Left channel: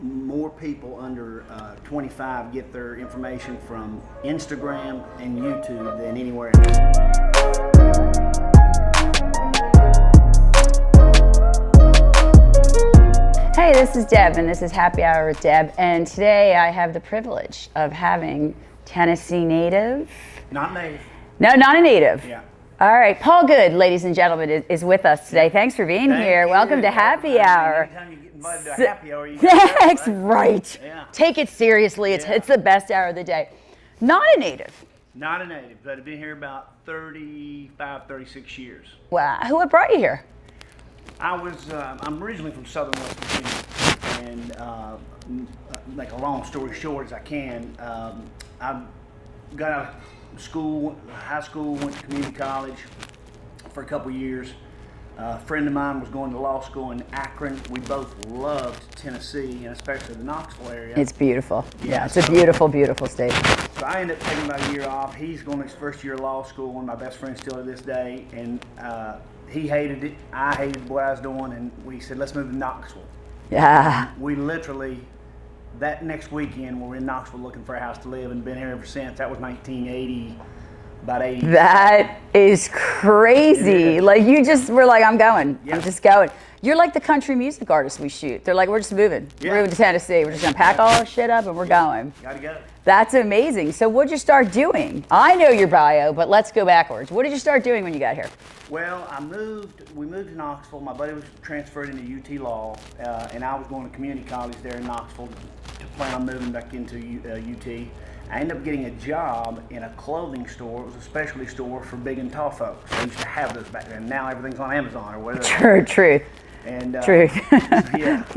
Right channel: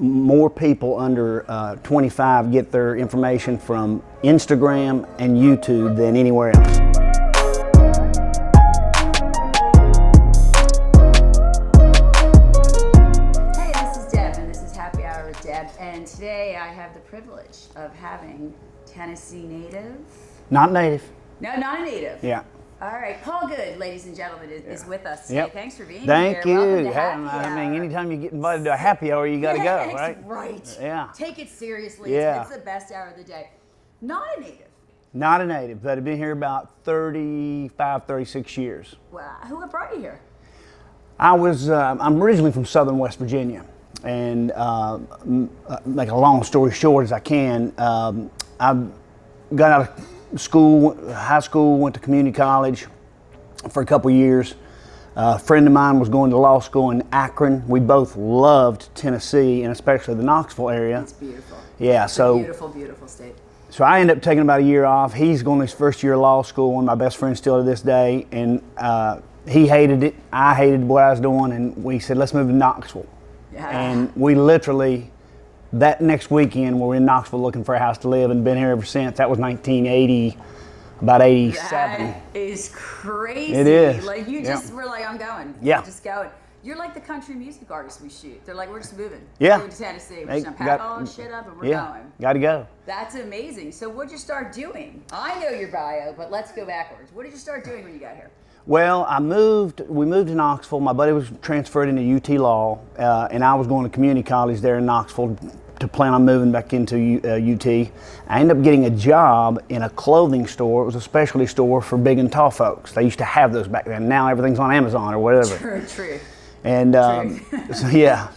more people under 25 get their information from Instagram and YouTube than anywhere else. Hey, this is Deb, and this is Happy Hour with Deb, and today I have the privilege of having Tennessee native. Not native. No, not a native. Yeah. All right, Paul Goode, ladies and gentlemen, is with us today. Yep. Thanks for being Thank here. you. Welcome to Yeah, Happy Hour. Anytime you get invited to a happy hour, you got to go, That's right? right. Yeah. Take it seriously. Yeah. It's the best hour of the day. Not a native. Not a native, but I've been here about 35, 36 years. Wow. Who brought you here? I'm originally from southern West Virginia, and make a long story short as I can, I got out of school, high school, went to community college for a couple years. A friend of mine was going to law school in Akron. We both loved Tennessee, and especially the Knoxville area. It's beautiful. Yeah, It's a beautiful, beautiful state. So I ended up taking about a year off. He's going to his first year of law school, one of my best friends still to this day, and he hated it. I hated what I was doing, and we said, let's move to Knoxville. Yeah. And we literally, that next weekend, we were in Knoxville looking for a house to live and been here ever since. That was 1980, about 87. That is crazy. It is. Like you just were like, I'm going. Yeah. I'm just going. You're like the country music artists we shoot. They're like, we're just moving. Yeah. We're moving to Tennessee. We're just gonna pack all our shit up and we're going. Got to go. That's amazing. So what'd you start doing? I know your bio, but let's go backwards. What did you start doing when you got here? Well, we moved to Knoxville. My buddy was transferred into UT Law, and I was going to community college there in Knoxville to plan on moving back into UT. I ended up getting a job in a clothing store. It was a specialty store for big and tall folks. They used to have those back then. Now everything's on Amazon or whatever. Truth. And Truth.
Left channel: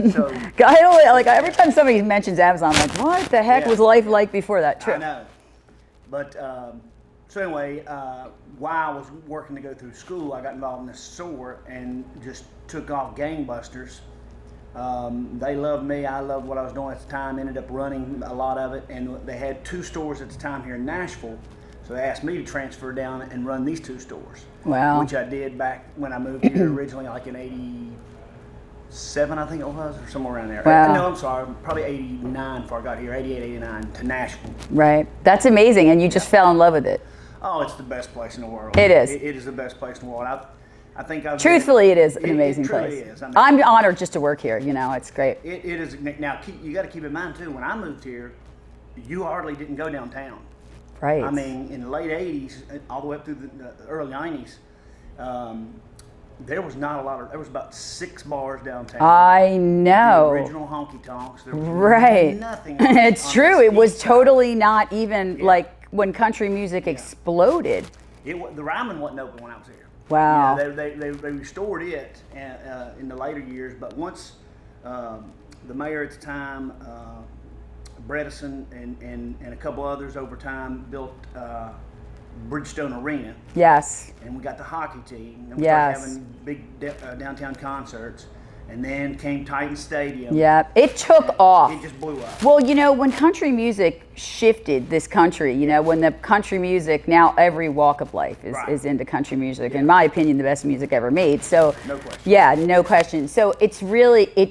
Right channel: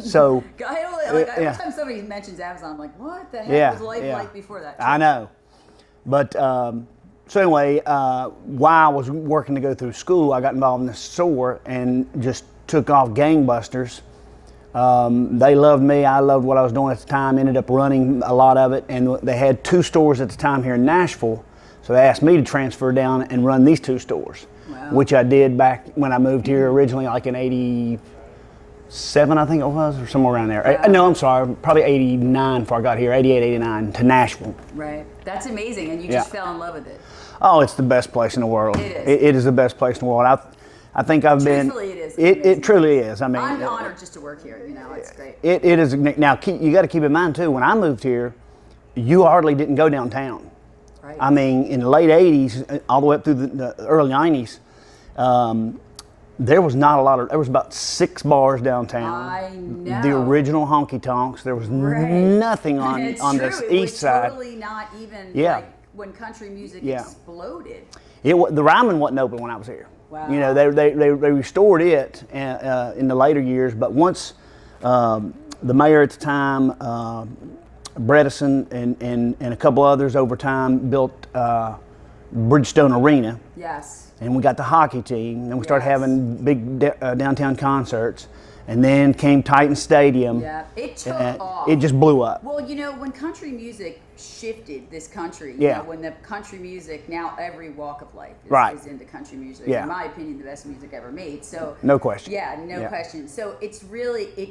so every time somebody mentions Amazon, I'm like, what the heck was life like before that? I know. But so anyway, while I was working to go through school, I got involved in this store and just took off gangbusters. They loved me. I loved what I was doing at the time. Ended up running a lot of it, and they had 2 stores at the time here in Nashville. So they asked me to transfer down and run these 2 stores. Wow. Which I did back when I moved here originally, like in '87, I think it was, or somewhere around there. Wow. No, I'm sorry, probably '89 before I got here, '88, '89 to Nashville. Right. That's amazing, and you just fell in love with it. Oh, it's the best place in the world. It is. It is the best place in the world. I think I've Truthfully, been, it is an amazing It truly place. is. I mean, I'm honored just to work here. You know, it's great. It is. Now, you got to keep in mind, too, when I moved here, you hardly didn't go downtown. Right. I mean, in the late 80s, all the way up through the early 90s, there was not a lot of, there was about 6 bars downtown. I know. The original honky tonks. There was nothing on It's on true. this It was east side. totally not even Yeah. when country music exploded. The Ryman wasn't open when I was here. Wow. You know, they restored it in the later years, but once the mayor at the time, Bredesen and a couple others over time built Bridgestone Arena. Yes. And we got the hockey team, and we started having big downtown concerts. And then came Titan Stadium. Yeah, it took off. It just blew up. Well, you know, when country music shifted this country, you know, when the country music, now every walk of life is into country music. Yeah. In my opinion, the best music ever made. So no question. Yeah, no question. So it's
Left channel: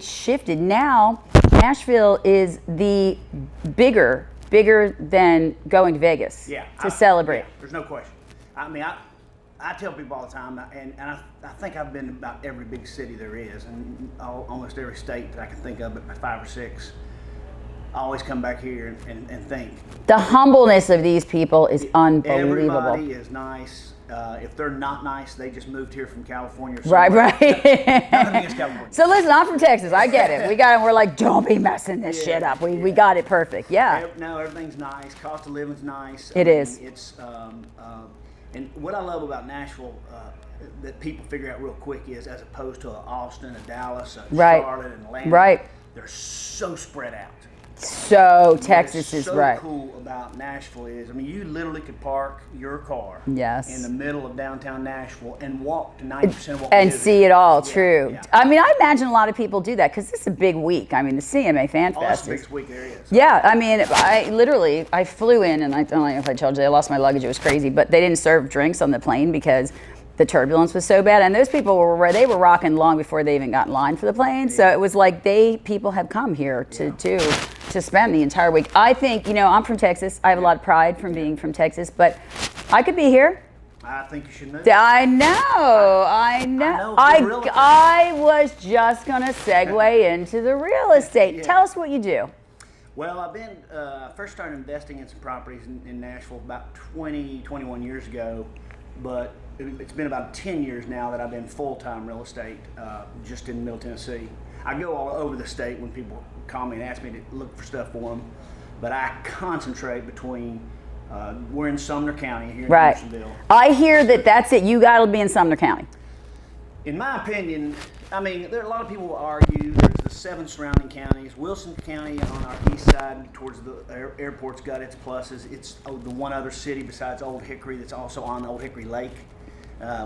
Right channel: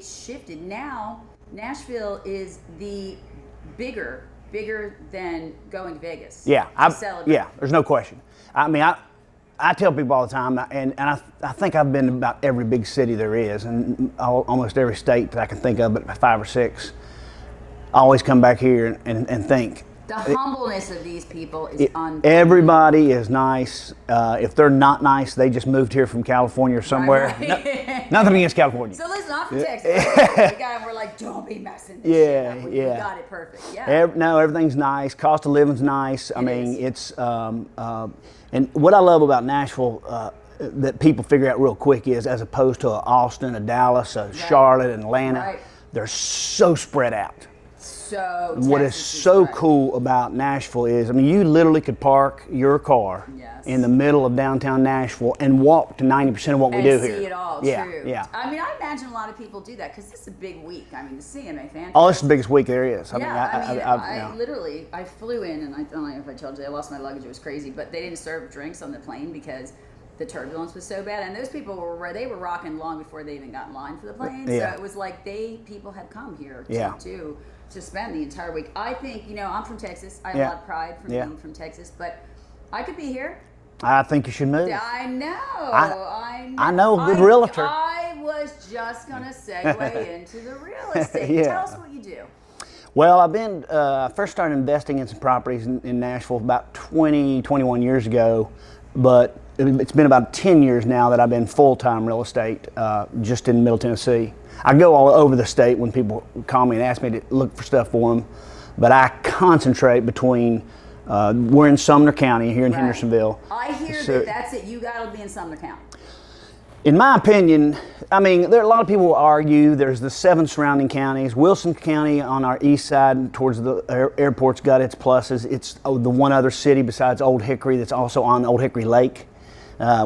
shifted. Now, Nashville is the bigger than going to Vegas. Yeah, to celebrate. Yeah, there's no question. I mean, I tell people all the time, and I think I've been to about every big city there is, and almost every state that I can think of, but 5 or 6. I always come back here and think. The humbleness of these people is unbelievable. Everybody is nice. If they're not nice, they just moved here from California or somewhere. Right. Nothing against California. So listen, I'm from Texas. I get it. We got it. We're like, don't be messing this shit up. We got it perfect. Yeah. No, everything's nice. Cost of living's nice. I mean, is. It's and what I love about Nashville that people figure out real quick is, as opposed to Austin, a Dallas, a Charlotte, and Atlanta, they're so spread out. So Texas what is is so cool about Nashville is, I mean, you literally could park your car in the middle of downtown Nashville and walk to 90% of what we do and see here. it all. Yeah, True. yeah. I mean, I imagine a lot of people do that because this is a big week. I mean, the CMA Fan Fest. Oh, it's the biggest week there is. Yeah, I flew in, and I don't know if I told you, I lost my luggage. It was crazy, but they didn't serve drinks on the plane because the turbulence was so bad, and those people were where they were rocking long before they even got in line for the plane. So it was like people have come here to spend the entire week. I think, you know, I'm from Texas. I have a lot of pride from being from Texas, but I could be here. I think you should move. I know. I know. Good realtor. I was just going to segue into the real estate. Tell us what you do. Well, I've been, first started investing in some properties in Nashville about 21 years ago, but it's been about 10 years now that I've been full-time real estate, just in Middle Tennessee. I go all over the state when people call me and ask me to look for stuff for them, but I concentrate between, we're in Sumner County here in Hendersonville. I hear that's it. You got to be in Sumner County. In my opinion, I mean, there are a lot of people who argue there's the 7 surrounding counties. Wilson County on our east side towards the airport's got its pluses. It's the one other city besides Old Hickory that's also on Old Hickory Lake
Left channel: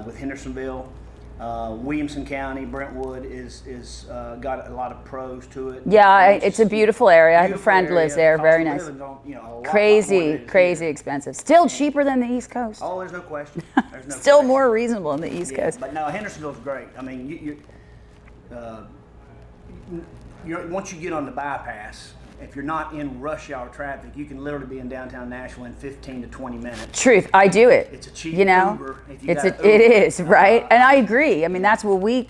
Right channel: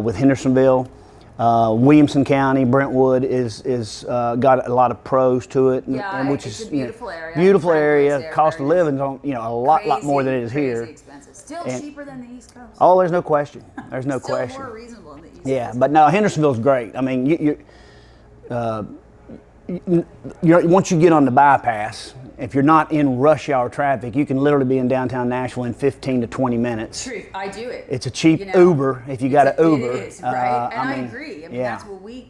with Hendersonville. Williamson County, Brentwood is got a lot of pros to it. Yeah, it's a beautiful area. Beautiful friend area. Lives there. Cost Very of nice. living's on, a lot more than it is crazy here. expensive. Still cheaper than the East Coast. Oh, there's no question. There's no Still question. more reasonable in the East Coast. Yeah, but no, Hendersonville's great. I mean, once you get on the bypass, if you're not in rush hour traffic, you can literally be in downtown Nashville in 15 to 20 minutes. Truth, I do it. It's a cheap Uber if you got an Uber. It is, right? And I agree. I mean, yeah. that's what we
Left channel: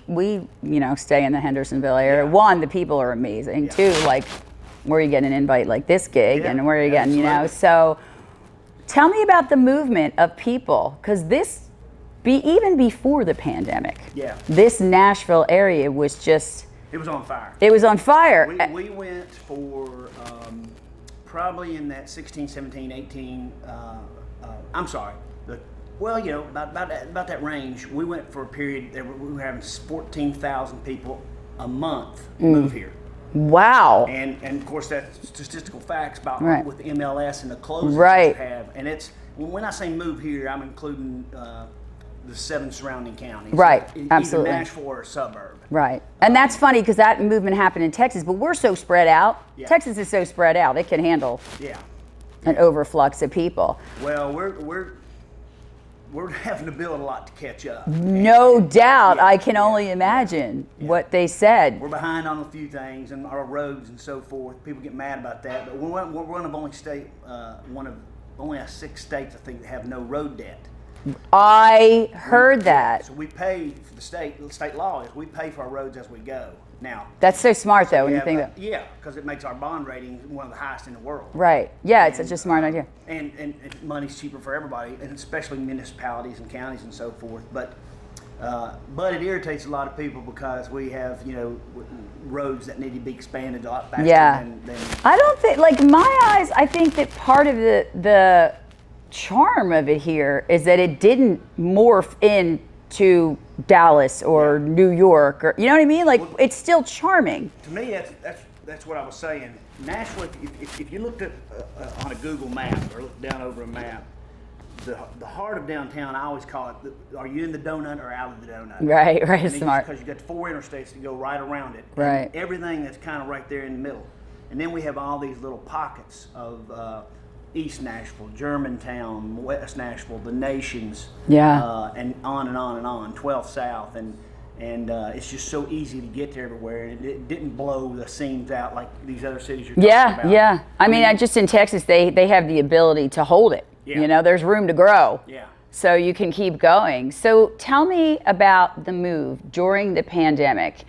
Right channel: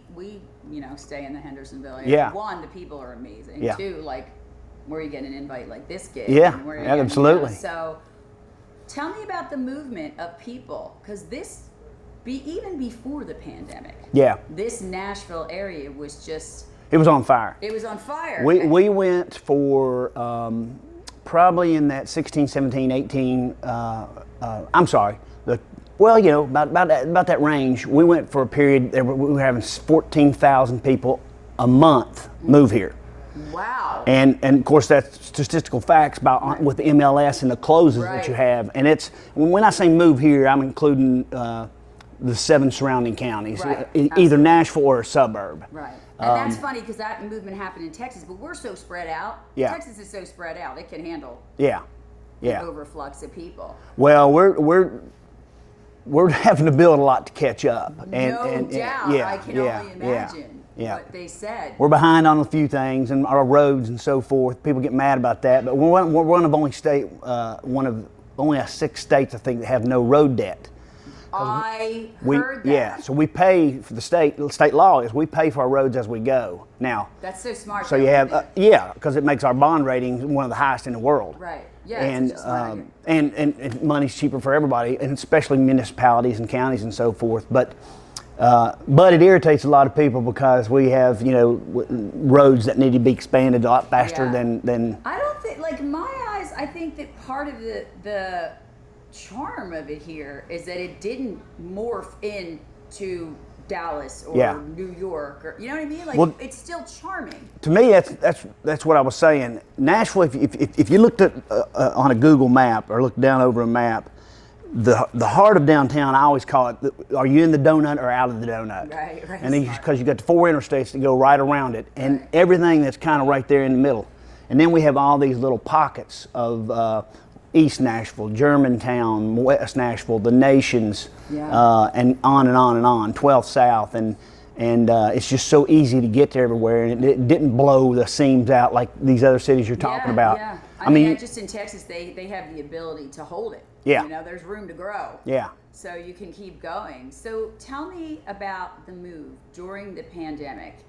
stay in the Hendersonville area. Yeah. One, the people are amazing. Yeah. Two, like, where you get an invite like this gig, Yeah, and where you get, absolutely. So, tell me about the movement of people, because even before the pandemic, this Nashville area was just. It was on fire. It was on fire. We went for probably in that 16, 17, 18, I'm sorry, about that range. We went for a period, we were having 14,000 people a month move here. Wow. And of course that's statistical facts about with the MLS and the closes that you have. And it's, when I say move here, I'm including the 7 surrounding counties, right? Either Nashville or a suburb, right? And that's funny because that movement happened in Texas, but we're so spread out. Yeah. Texas is so spread out; it can handle an overflux of people. Well, we're having to build a lot to catch up. No doubt, I can only imagine what they said. We're behind on a few things and our roads and so forth. People get mad about that, but we're one of only 6 states I think that have no road debt. I heard that. Yeah, so we pay for the state law is we pay for our roads as we go. Now that's so smart, though. Because it makes our bond rating one of the highest in the world. Right. Yeah, it's just a smart idea. And money's cheaper for everybody, and especially municipalities and counties and so forth. But it irritates a lot of people because we have roads that need to be expanded a lot faster than. I don't think, like, my eyes. I think that part of the charm of it here is that it didn't morph into Dallas or New York, or you know what I mean? Like, it's still charming. To me, that's what I was saying. Nashville, if you looked at on a Google map or looked down over a map, the heart of downtown, I always call it, are you in the donut or out of the donut? Right, and because you got the 4 interstates that go right around it, and everything that's kind of right there in the middle. And then we have all these little pockets of East Nashville, Germantown, West Nashville, the Nations, and on and on and on, 12th South, and it's just so easy to get to everywhere, and it didn't blow the seams out like these other cities you're talking about. Yeah. I mean, just in Texas, they have the ability to hold it. Yeah. There's room to grow. Yeah. So you can keep going. So tell me about the move during the pandemic,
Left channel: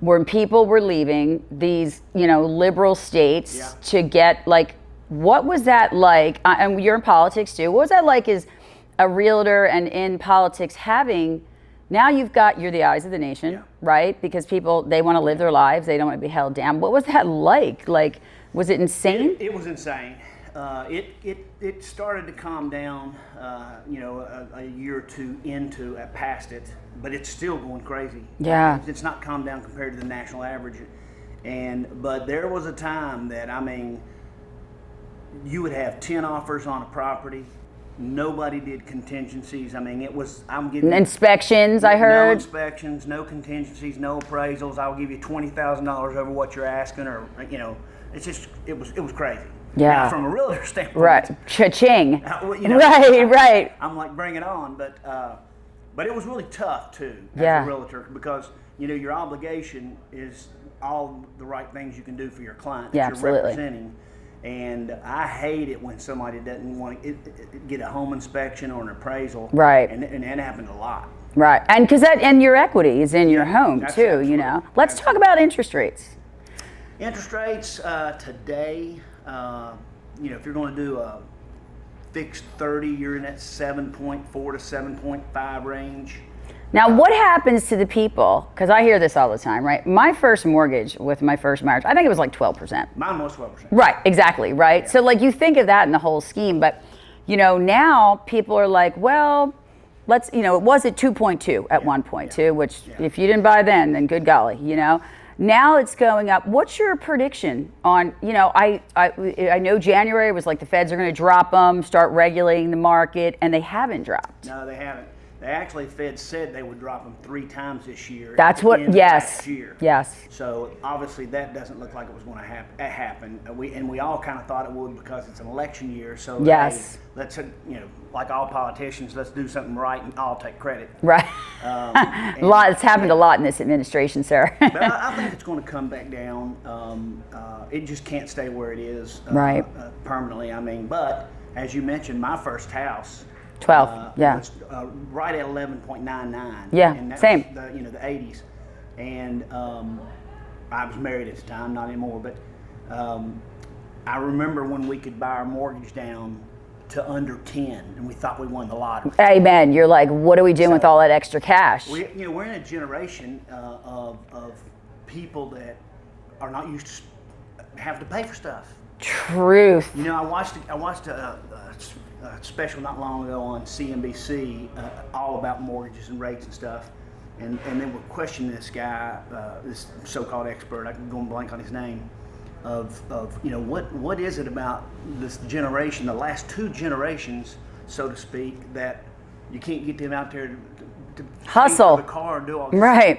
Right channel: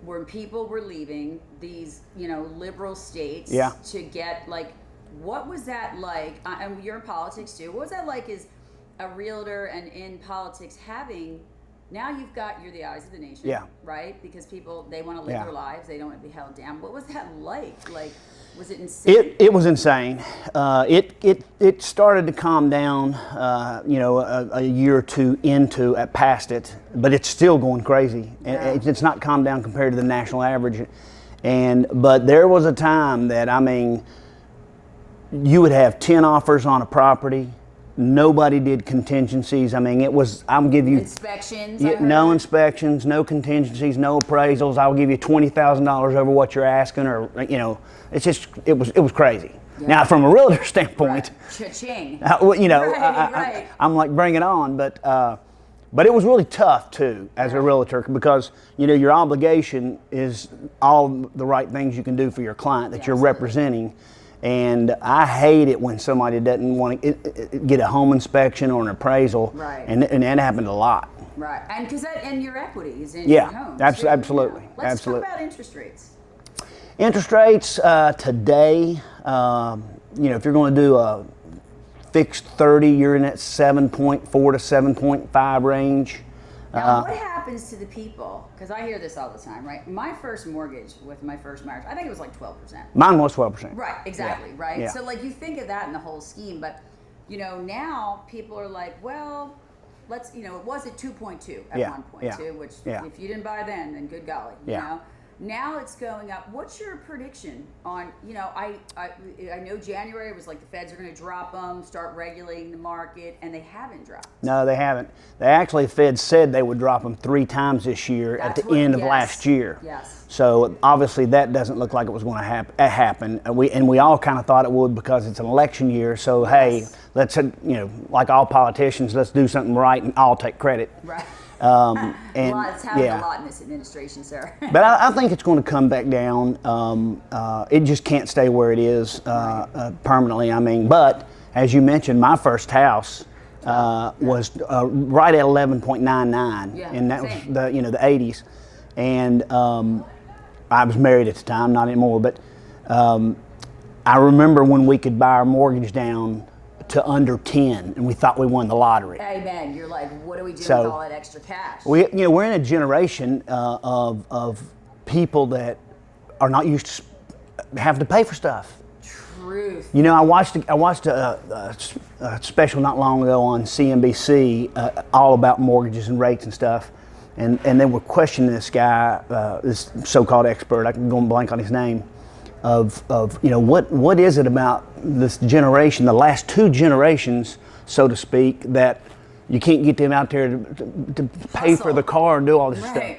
when people were leaving these, liberal states to get, like, what was that like? And you're in politics too. What was that like as a realtor and in politics having, now you're the eyes of the nation, right? Because people, they want to live their lives. They don't want to be held down. What was that like? Like, was it insane? It was insane. It started to calm down, a year or two past it, but it's still going crazy. Yeah. It's not calmed down compared to the national average. But there was a time that, you would have 10 offers on a property. Nobody did contingencies. I'm giving you inspections, I heard. No inspections, no contingencies, no appraisals. I'll give you $20,000 over what you're asking, or it's just it was crazy. Yeah. Now, from a realtor standpoint, right, cha-ching. right. Right. I'm like, bring it on. But But it was really tough too as a realtor because your obligation is all the right things you can do for your client that you're representing. And I hate it when somebody doesn't want to get a home inspection or an appraisal. Right. And that happened a lot. Right. And because and your equity is in your home too. Absolutely. Let's talk about interest rates. Interest rates today, if you're going to do a fixed 30, you're in that 7.4 to 7.5 range. Now, what happens to the people? Because I hear this all the time, right? My first mortgage with my first marriage, I think it was like 12%. Mine was 12%. Right, exactly, right? Yeah. So, like, you think of that in the whole scheme, but, now people are like, well, let's, it was at 2.2 at 1.2, which if you didn't buy then good golly, you know? Now it's going up. What's your prediction on, I know January was like the Feds are going to drop them, start regulating the market, and they haven't dropped. No, they haven't. They actually, the Fed said they would drop them 3 times this year at the end of last year. Yes. So obviously that doesn't look like it was going to happen. We all kind of thought it would because it's an election year. So hey, let's like all politicians, let's do something right and I'll take credit. Right. It's happened a lot in this administration, sir. But I think it's going to come back down. It just can't stay where it is permanently. I mean, but as you mentioned, my first house. 12 was right at 11.99. Yeah, and that same. was the 80s, and I was married at the time, not anymore. But I remember when we could buy our mortgage down to under 10, and we thought we won the lottery. Amen. You're like, what are we doing with all that extra cash? We're in a generation of people that are not used to having to pay for stuff. Truth. I watched a special not long ago on CNBC all about mortgages and rates and stuff, and they were questioning this guy, this so-called expert. I can go and blank on his name. Of what is it about this generation, the last 2 generations, so to speak, that you can't get them out there to pay for the car and do all this stuff.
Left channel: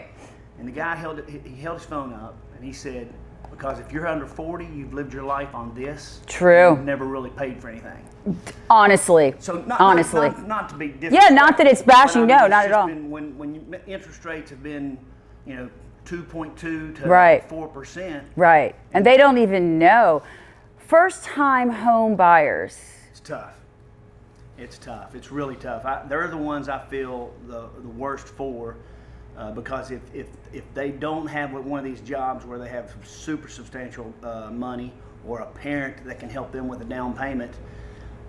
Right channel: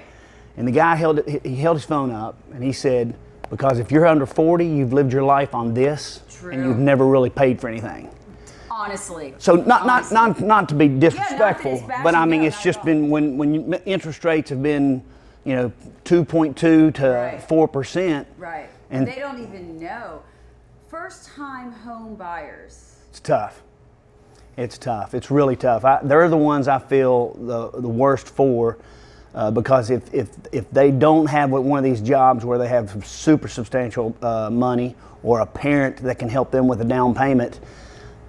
And the guy held his phone up and he said, because if you're under 40, you've lived your life on this. True. You've never really paid for anything. Honestly. So not to be disrespectful. Yeah, not that it's bashing. But I mean, no, it's not just at all. been when interest rates have been, 2.2 to 4%. Right. And they don't even know. First-time home buyers. It's tough. It's really tough. They're the ones I feel the worst for. Because if they don't have one of these jobs where they have super substantial money or a parent that can help them with a down payment,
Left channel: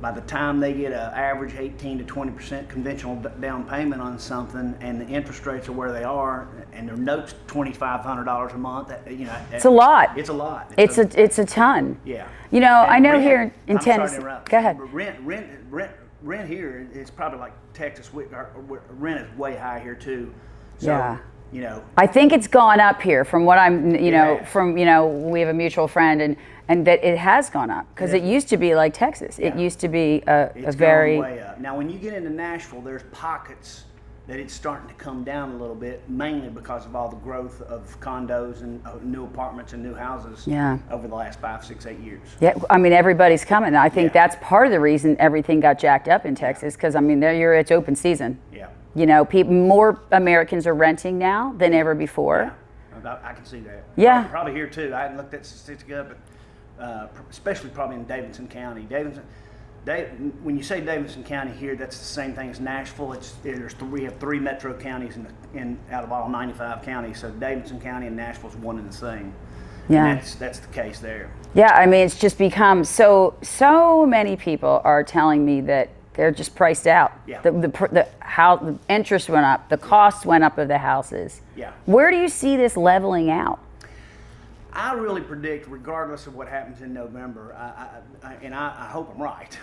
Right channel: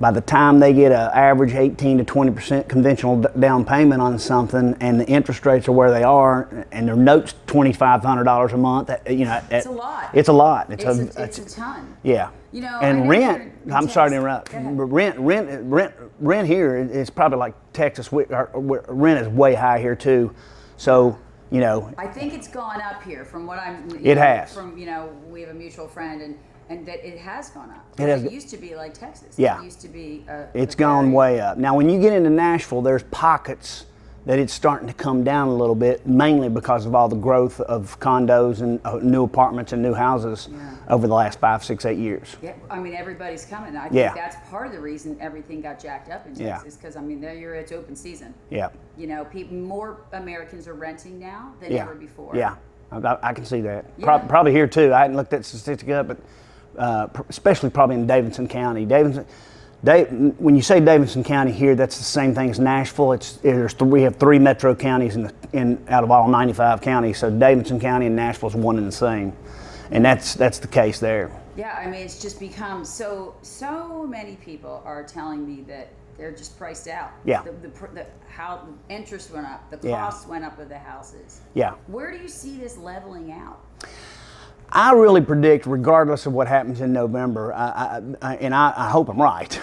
by the time they get an average 18 to 20% conventional down payment on something, and the interest rates are where they are, and their note's $2,500 a month, it's a lot. It's a lot. It's a ton. Yeah. And I know here in I'm Tennessee. sorry to interrupt. Go ahead. Rent here is probably like Texas. Rent is way high here too. So, I think it's gone up here from what I'm, we have a mutual friend and that it has gone up because it used to be like Texas. Yeah. It used to be it's gone way up. Now, when you get into Nashville, there's pockets that it's starting to come down a little bit, mainly because of all the growth of condos and new apartments and new houses over the last 5, 6, 8 years. Yeah, I mean, everybody's coming. I think that's part of the reason everything got jacked up in Texas because, I mean, it's open season. Yeah. More Americans are renting now than ever before. Yeah, I can see that. Yeah. Probably here too. I hadn't looked that statistic up, but especially probably in Davidson County. When you say Davidson County here, that's the same thing as Nashville. We have 3 metro counties out of all 95 counties. So Davidson County and Nashville is one and the same, and that's the case there. Yeah, I mean, it's just become so many people are telling me that they're just priced out. Yeah. How the interest went up, the cost went up of the houses. Yeah. Where do you see this leveling out? I really predict, regardless of what happens in November, I hope I'm right,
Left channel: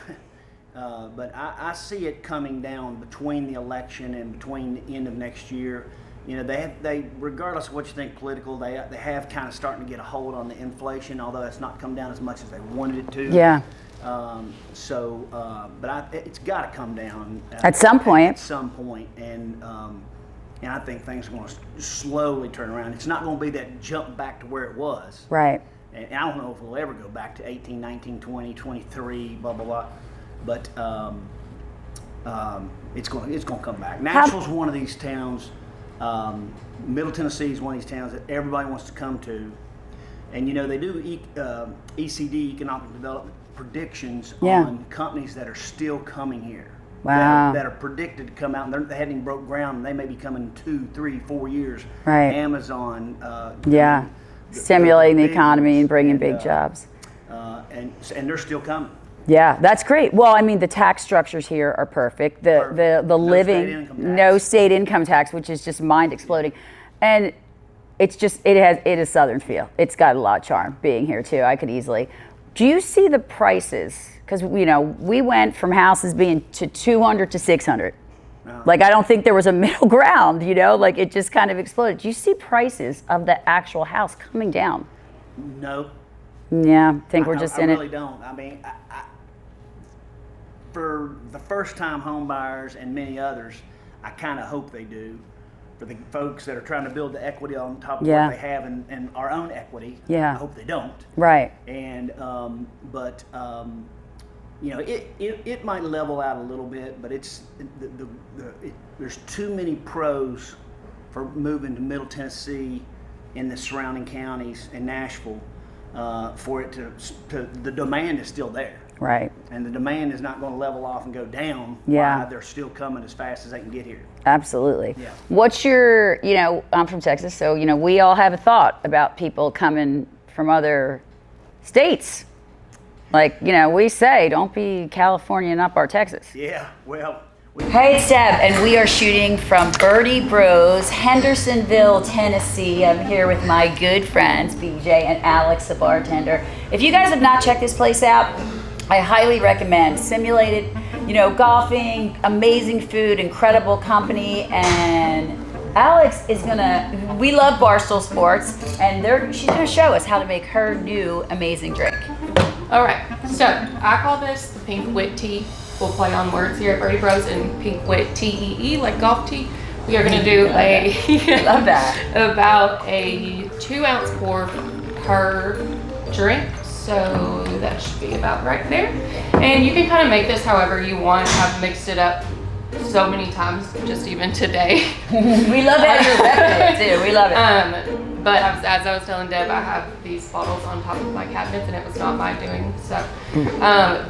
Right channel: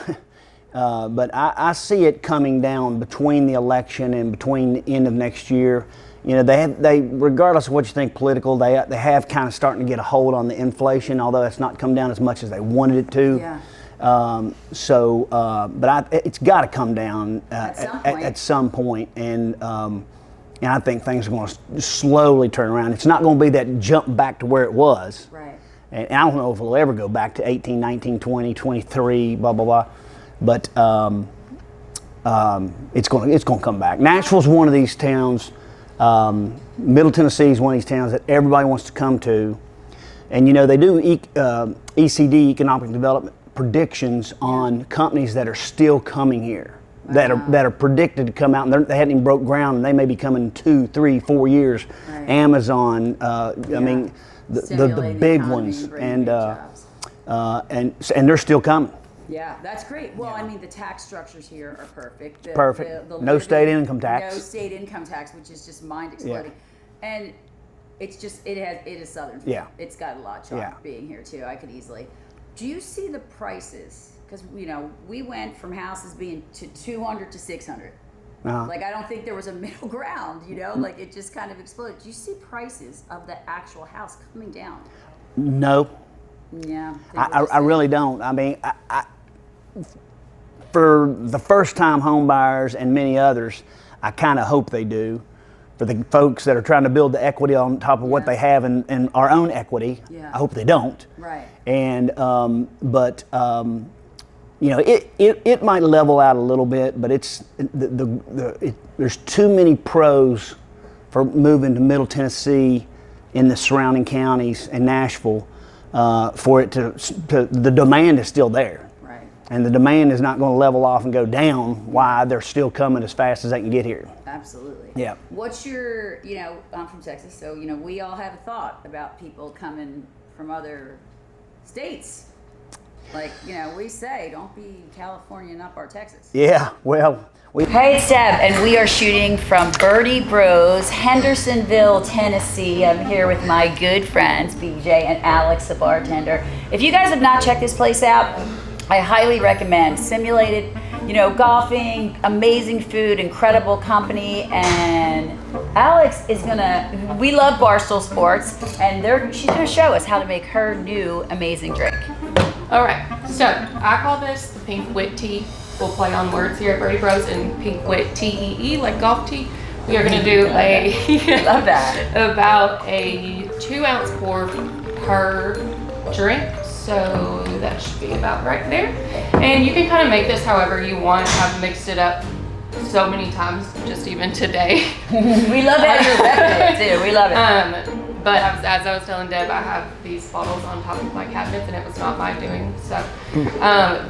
but I see it coming down between the election and between the end of next year. They regardless of what you think political, they have kind of starting to get a hold on the inflation, although it's not come down as much as they wanted it to. Yeah. But it's got to come down at some point. At some point, and I think things are going to slowly turn around. It's not going to be that jump back to where it was. Right. And I don't know if it'll ever go back to 18, 19, 20, 23, blah, blah, blah. But it's going to come back. Nashville's one of these towns. Middle Tennessee is one of these towns that everybody wants to come to, and they do ECD, economic development predictions on companies that are still coming here. Wow. That are predicted to come out, and they hadn't even broke ground, and they may be coming in 2, 3, 4 years. Right. Amazon, stimulating the economy ones, and bringing big jobs. And they're still coming. Yeah, that's great. Well, I mean, the tax structures here are perfect. The No living, state income tax. no state income tax, which is just mind exploding, and it's just it is Southern feel. Yeah. It's got a lot of charm being here too. I could easily. Do you see the prices? Because we went from houses being to 200 to 600. Like I don't think there was a middle ground. Like it just kind of exploded. Do you see prices of the actual house coming down? No. Yeah, I think we're just. I really don't. I mean, for the first-time home buyers and many others, I kind of hope they do. For the folks that are trying to build the equity on top of what they have in our own equity, I hope they don't. Right. And it might level out a little bit, but it's there's too many pros for moving to Middle Tennessee in the surrounding counties and Nashville for it to the demand is still there. Right. And the demand is not going to level off and go down while they're still coming as fast as they can get here. Absolutely. Yeah. What's your, I'm from Texas, so, we all have a thought about people coming from other states. Like, we say, don't be Californian up our Texas. Yeah, well. Hey, it's Deb, and we are shooting from Birdie Bros, Hendersonville, Tennessee. I'm here with my good friends, BJ and Alex, the bartender. If you guys have not checked this place out, I highly recommend. Simulated, golfing, amazing food, incredible company, and Alex is we love Barstool Sports, and she's gonna show us how to make her new amazing drink. All right, so I call this the Pink Wit Tea. We'll play on words here at Birdie Bros, and Pink Wit Tee, like golf tea. We are gonna do love that. about a 2-ounce pour per drink. So that should be about right there. And you can kind of make this however you want. I've mixed it up so many times, just even today. We love how you're repping it too. We love it. But as I was telling Deb, I have these bottles on top of my cabinets, and it was not my doing. So,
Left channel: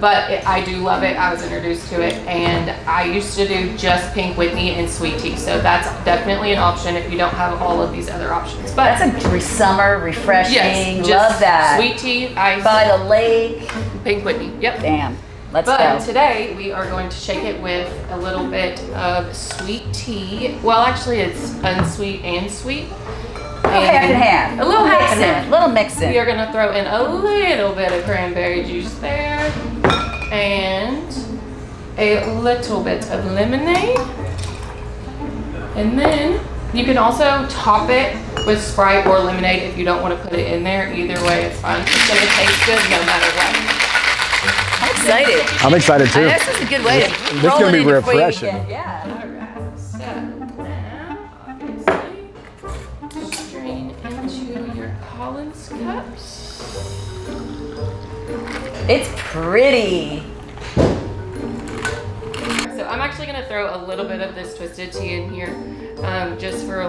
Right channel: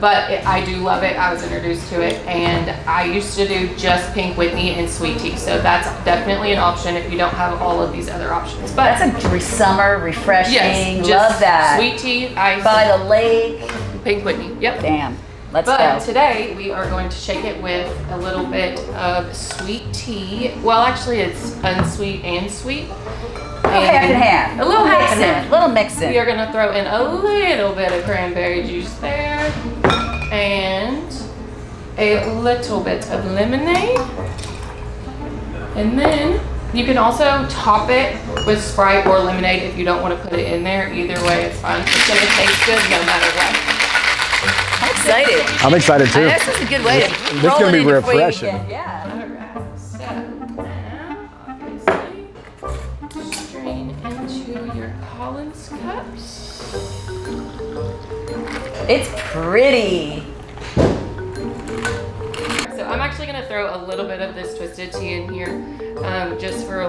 but I do love it. I was introduced to it, and I used to do just Pink Whitney and sweet tea. So that's definitely an option if you don't have all of these other options. But that's a summer refreshing. Yes, love that. Sweet tea, ice by the lake. Pink Whitney. Yep. Damn. Let's go. But today we are going to shake it with a little bit of sweet tea. Well, actually, it's unsweet and sweet. Half and half. A little half and half. Little mixing. We are going to throw in a little bit of cranberry juice there. And a little bit of lemonade. And then you can also top it with Sprite or lemonade if you don't want to put it in there. Either way, it's fine. It's going to taste good no matter what. I'm excited. I'm excited too. This is a good way to This is roll gonna it be in before you refreshing. get- Yeah. Alright, so now, obviously, strain into your Collins cups. It's pretty. So I'm actually going to throw a little bit of this twisted tea in here, just for a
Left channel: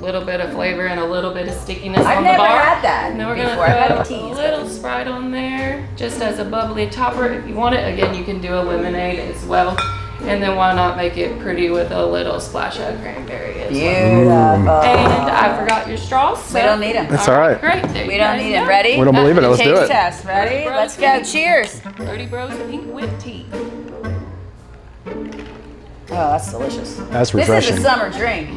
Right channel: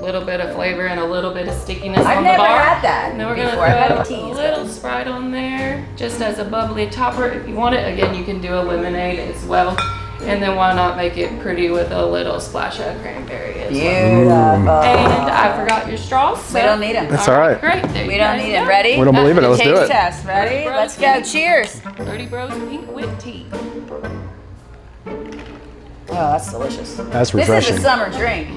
little bit of flavor and a little bit of stickiness I've on the never bar. had that And then we're going to before. I've had throw the a teas, little Sprite on there, just as a bubbly topper. If you want it, again, you can do a lemonade as well. And then why not make it pretty with a little splash of cranberry as well. Beautiful. And I forgot your straws. So. We don't need them. That's all right. Great. There We you don't guys need go. them. Ready? We don't believe it. Let's do Taste it. test. Ready? Bros. Let's go. Cheers. Birdie Bros Pink Wit Tea. Oh, that's delicious. That's This refreshing. is a summer drink.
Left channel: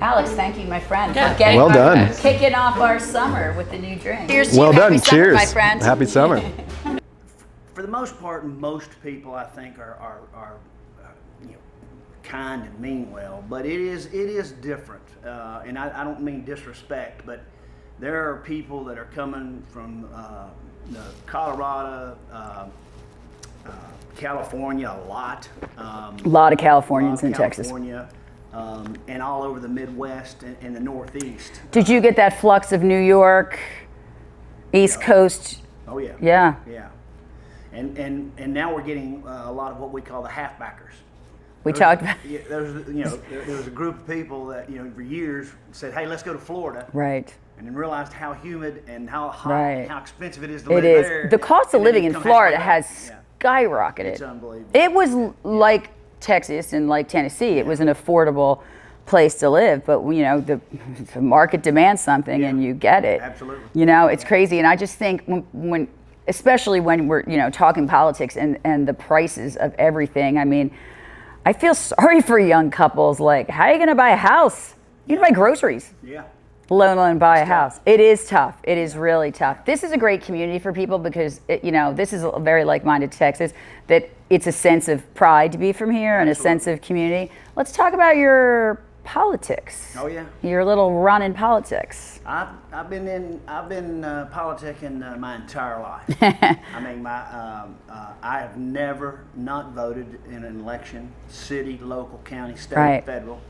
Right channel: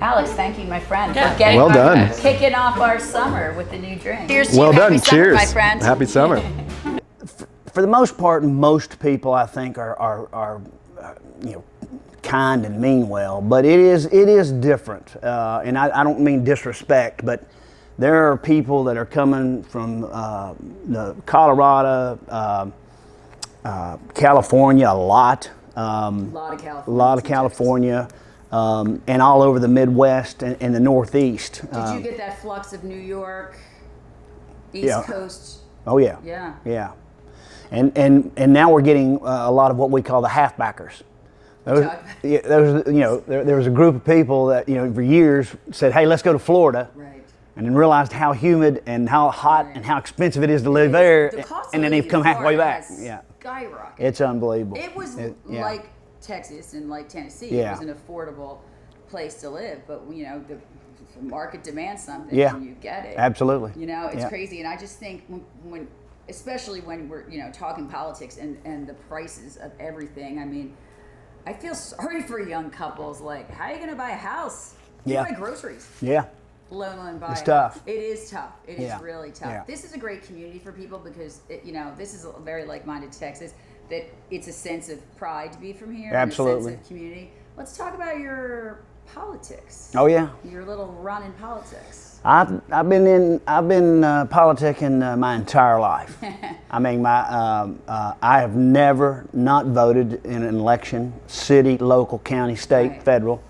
Alex, thank you, my friend, Yeah. for getting Well done. kicking off our summer with the new drink. Cheers to Well you. done. Happy summer, Cheers. my friend. Happy summer. For the most part, most people I think are kind and mean well, but it is different, and I don't mean disrespect, but there are people that are coming from the Colorado, California, a lot of Californians in Texas. California, and all over the Midwest and the Northeast. Did you get that flux of New York, East Yeah. Coast? Oh yeah. Yeah. Yeah. And now we're getting a lot of what we call the halfbackers. We talked about. Yeah, there was a group of people that for years said, "Hey, let's go to Florida." Right. And then realized how humid and how hot and how expensive it is to live is. there. The cost of living in Florida has skyrocketed. It's unbelievable. It was like Texas and like Tennessee. It was an affordable place to live, but the market demands something and you get it. Absolutely. It's crazy. And I just think when especially when we're talking politics and the prices of everything, I mean, I feel sorry for young couples. Like, how are you going to buy a house? You buy groceries. Yeah. Let alone buy a house. Tough. It is tough. It is really tough. Yeah. This is a great community for people because this is a very like-minded Texas. That it's a sense of pride to be from here and a sense of community. Let's talk about your politics. Oh yeah. Your little run in politics. I've been politicking my entire life. I mean, I have never not voted in an election, city, local, county, state, federal,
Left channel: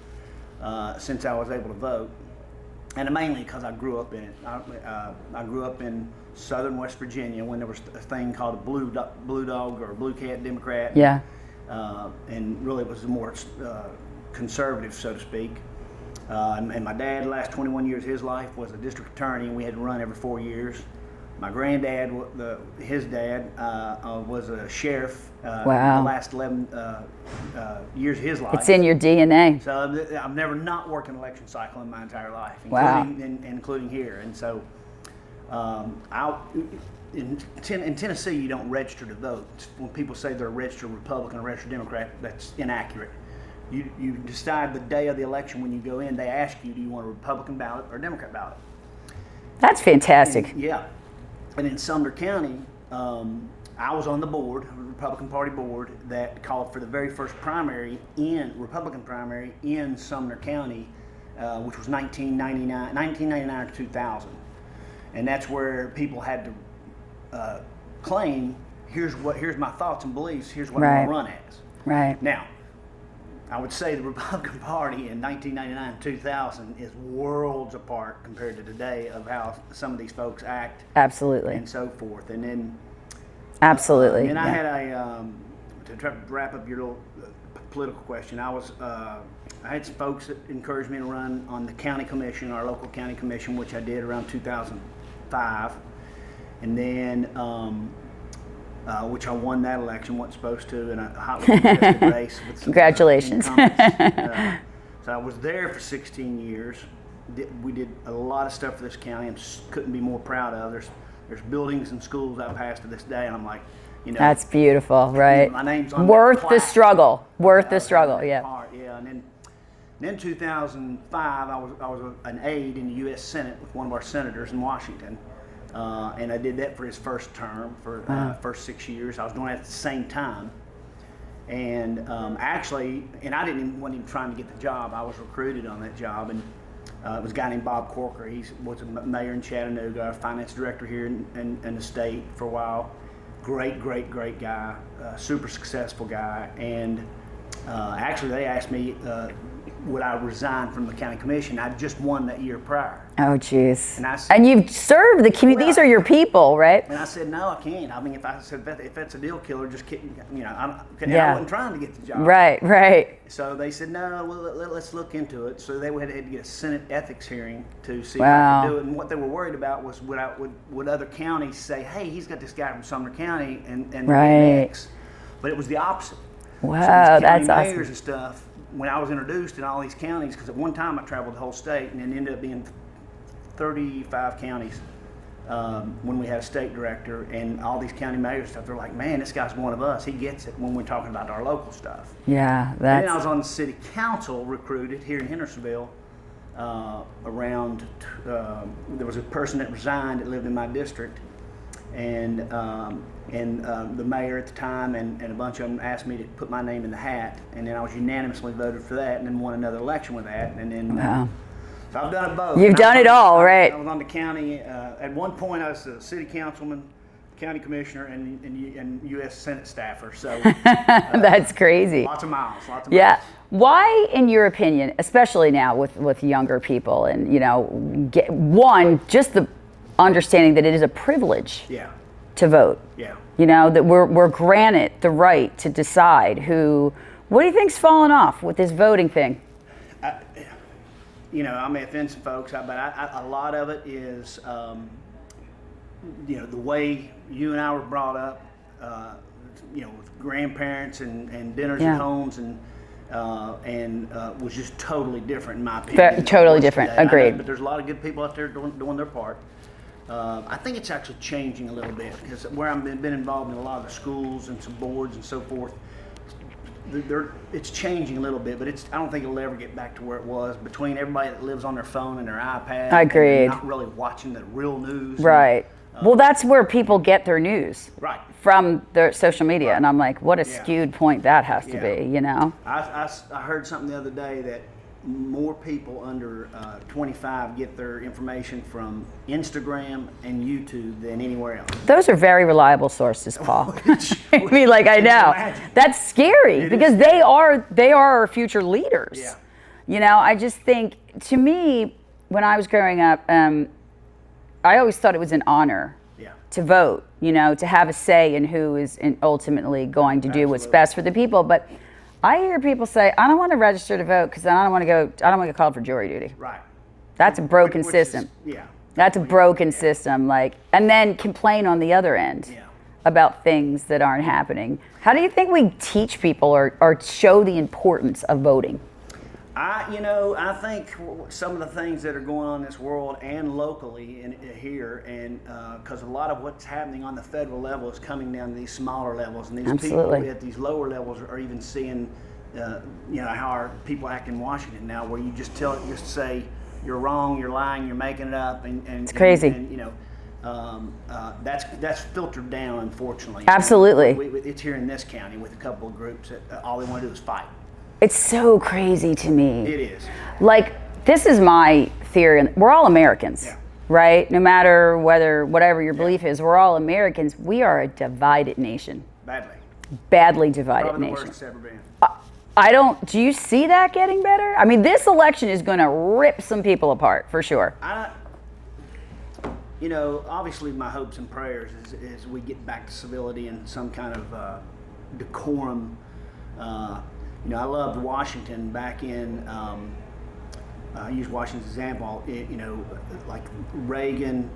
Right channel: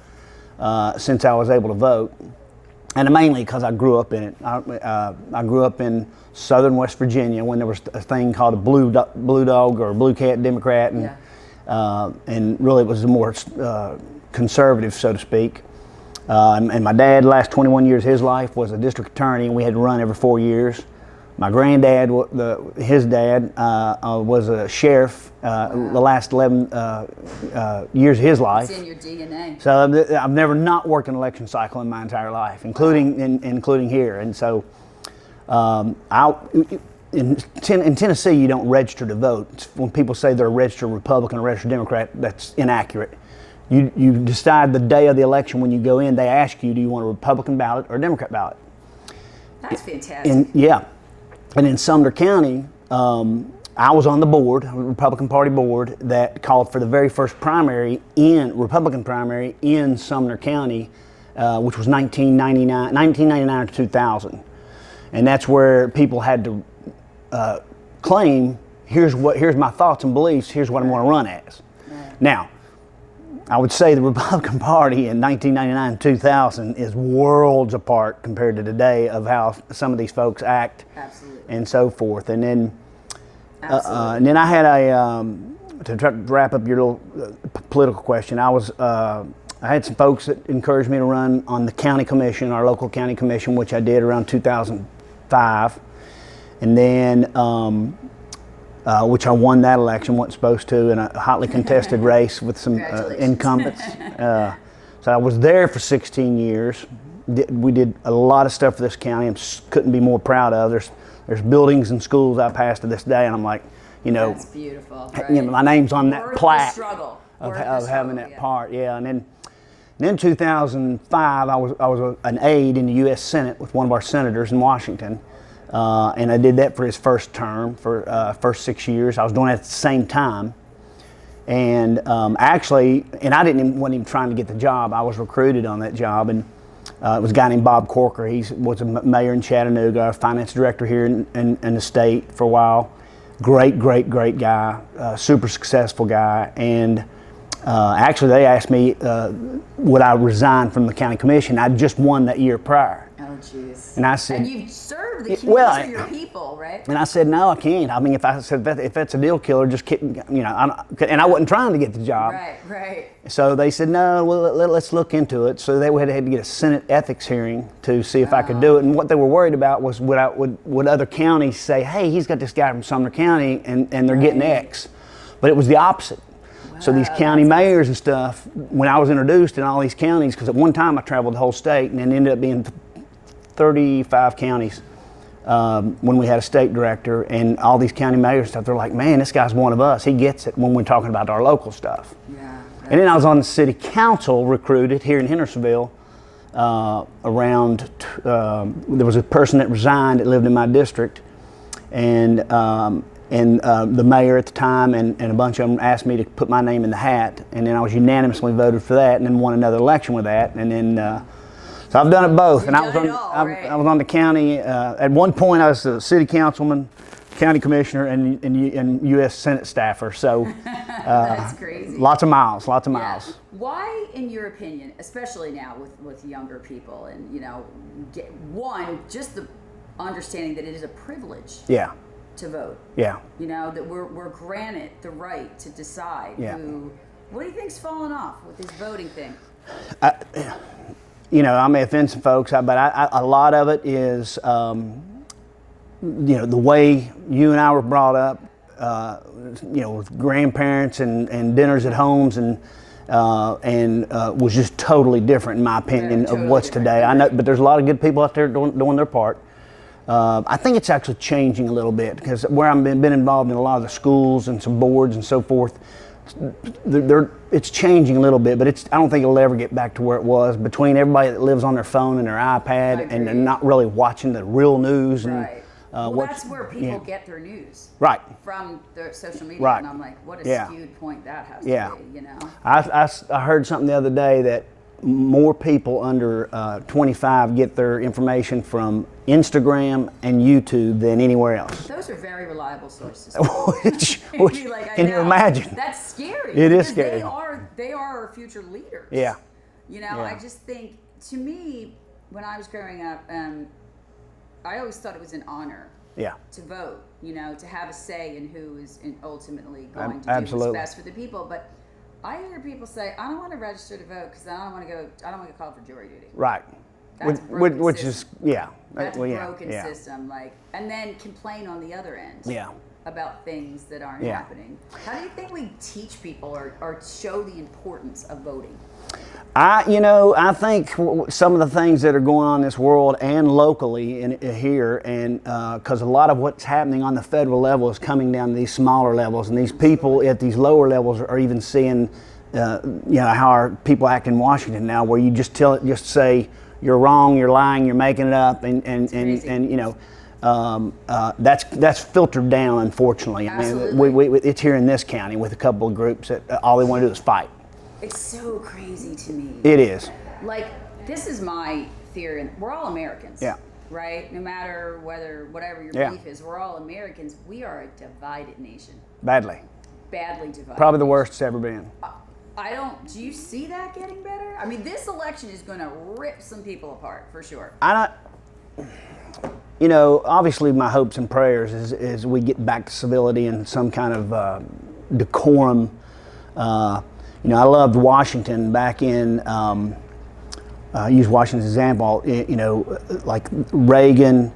since I was able to vote. And mainly because I grew up in it. I grew up in southern West Virginia when there was a thing called a blue dog or blue cat Democrat. And, and really it was a more conservative, so to speak. And my dad, the last 21 years of his life, was a district attorney, and we had to run every 4 years. My granddad, his dad, was a sheriff the last 11 years of his life. It's in your DNA. So I've never not worked an election cycle in my entire life, including here. And so in Tennessee, you don't register to vote. When people say they're a registered Republican or registered Democrat, that's inaccurate. You decide the day of the election when you go in. They ask you, do you want a Republican ballot or a Democrat ballot? That's fantastic. And in Sumner County, I was on the board, a Republican Party board, that called for the very first Republican primary in Sumner County, which was 1999 to 2000. And that's where people had to claim, here's my thoughts and beliefs, here's what I want to run as. Right. Now, I would say the Republican Party in 1999 and 2000 is worlds apart compared to today of how some of these folks act. Absolutely. And so forth. And then absolutely. And then I had to try to wrap up your little political question. I had some folks that encouraged me to run on the county commission, our local county commission, which I did around 2005. And then which I won that election, wasn't supposed to, in a hotly contested race with some incumbents. So I was there for 16 years. We did a lot of stuff for this county and couldn't be more proud of. There's buildings and schools I passed to this day, and I'm like, that's beautiful, right? My name's on worth that plaque. The struggle. Worth the struggle, Part, And then 2005, I was an aide in the U.S. Senate with one of our senators in Washington. And I did that for his first term, for first 6 years. I was doing it at the same time. And actually, I wasn't even trying to get the job. I was recruited on that job. And it was a guy named Bob Corker. He was a mayor in Chattanooga, finance director here in the state for a while. Great guy, super successful guy. And actually, they asked me, would I resign from the county commission? I'd just won that year prior. Oh, jeez. And I said, and you've served the community. These are your people, right? And I said, no, I can't. I mean, if that's a deal killer, just kidding, and I wasn't trying to get the job. Right. So they said, no, well, let's look into it. So they had to get a Senate ethics hearing to see if I could do it. And what they were worried about was would other counties say, hey, he's got this guy from Sumner County, and they're getting X. But it was the opposite. Wow, so these county mayors and stuff, when I was introduced in all these counties, because at one time I traveled the whole state and then ended up being 35 counties when we had a state director, and all these county mayors and stuff, they're like, man, this guy's one of us. He gets it when we're talking about our local stuff. Yeah. And then I was on the city council recruited here in Hendersonville there was a person that resigned that lived in my district, and the mayor at the time and a bunch of them asked me to put my name in the hat, and then I was unanimously voted for that, and then won another election with that, and then so I've done it both. You've done it all, right? I was on the county. At one point, I was a city councilman, county commissioner, and U.S. Senate staffer. So that's crazy. Lots of miles. Yeah. Why, in your opinion, especially now with younger people, and just the understanding that it is a privilege. Yeah. To vote. Yeah. That we're granted the right to decide who What do you think's falling off with this voting thing? You know, I may offend some folks, but a lot of it is, you know, the way you and I were brought up, you know, with grandparents and dinners at homes and was just totally different in my opinion. Totally different. Today. Agreed. I know, but there's a lot of good people out there doing their part. I think it's actually changing a little bit because where I've been involved in a lot of the schools and some boards and so forth, it's changing a little bit, but I don't think it'll ever get back to where it was between everybody that lives on their phone and their iPad and not really watching the real news. Right. Well, that's where people get their news. Right. From their social media. Right. And I'm like, what a skewed point that has to be, you know? I heard something the other day that more people under 25 get their information from Instagram and YouTube than anywhere else. Those are very reliable sources, Paul. I mean, like, I Can know. you imagine? That's scary because they are our future leaders. Yeah. You know, I just think, to me, when I was growing up, I always thought it was an honor to vote, you know, to have a say in who is ultimately going to do what's best for the people. But I hear people say, I don't want to register to vote because I don't want to get called for jury duty. Right. That's a broken system. Yeah. That's a broken system. Like, and then complain on the other end about things that aren't happening. How do you think we teach people or show the importance of voting? I think some of the things that are going on in this world and locally here, and because a lot of what's happening on the federal level is coming down to these smaller levels, and these people at these lower levels are even seeing, you know, how our people act in Washington now, where you just say you're wrong, you're lying, you're making it up, and it's crazy. And you know, that's filtered down, unfortunately. Absolutely. I mean, it's here in this county with a couple of groups that all they want to do is fight. It's so crazy to me. It is. Like, this is my theory. And we're all Americans, right? No matter whatever your belief is, we're all Americans. We are a divided nation. Badly divided. Probably the worst it's ever been. Do you see that getting better? I mean, this election is going to rip some people apart, for sure. You know, obviously my hopes and prayers is we get back to civility and some kind of decorum. You know, I loved Washington back in, I use Washington as an example, you know, like Reagan,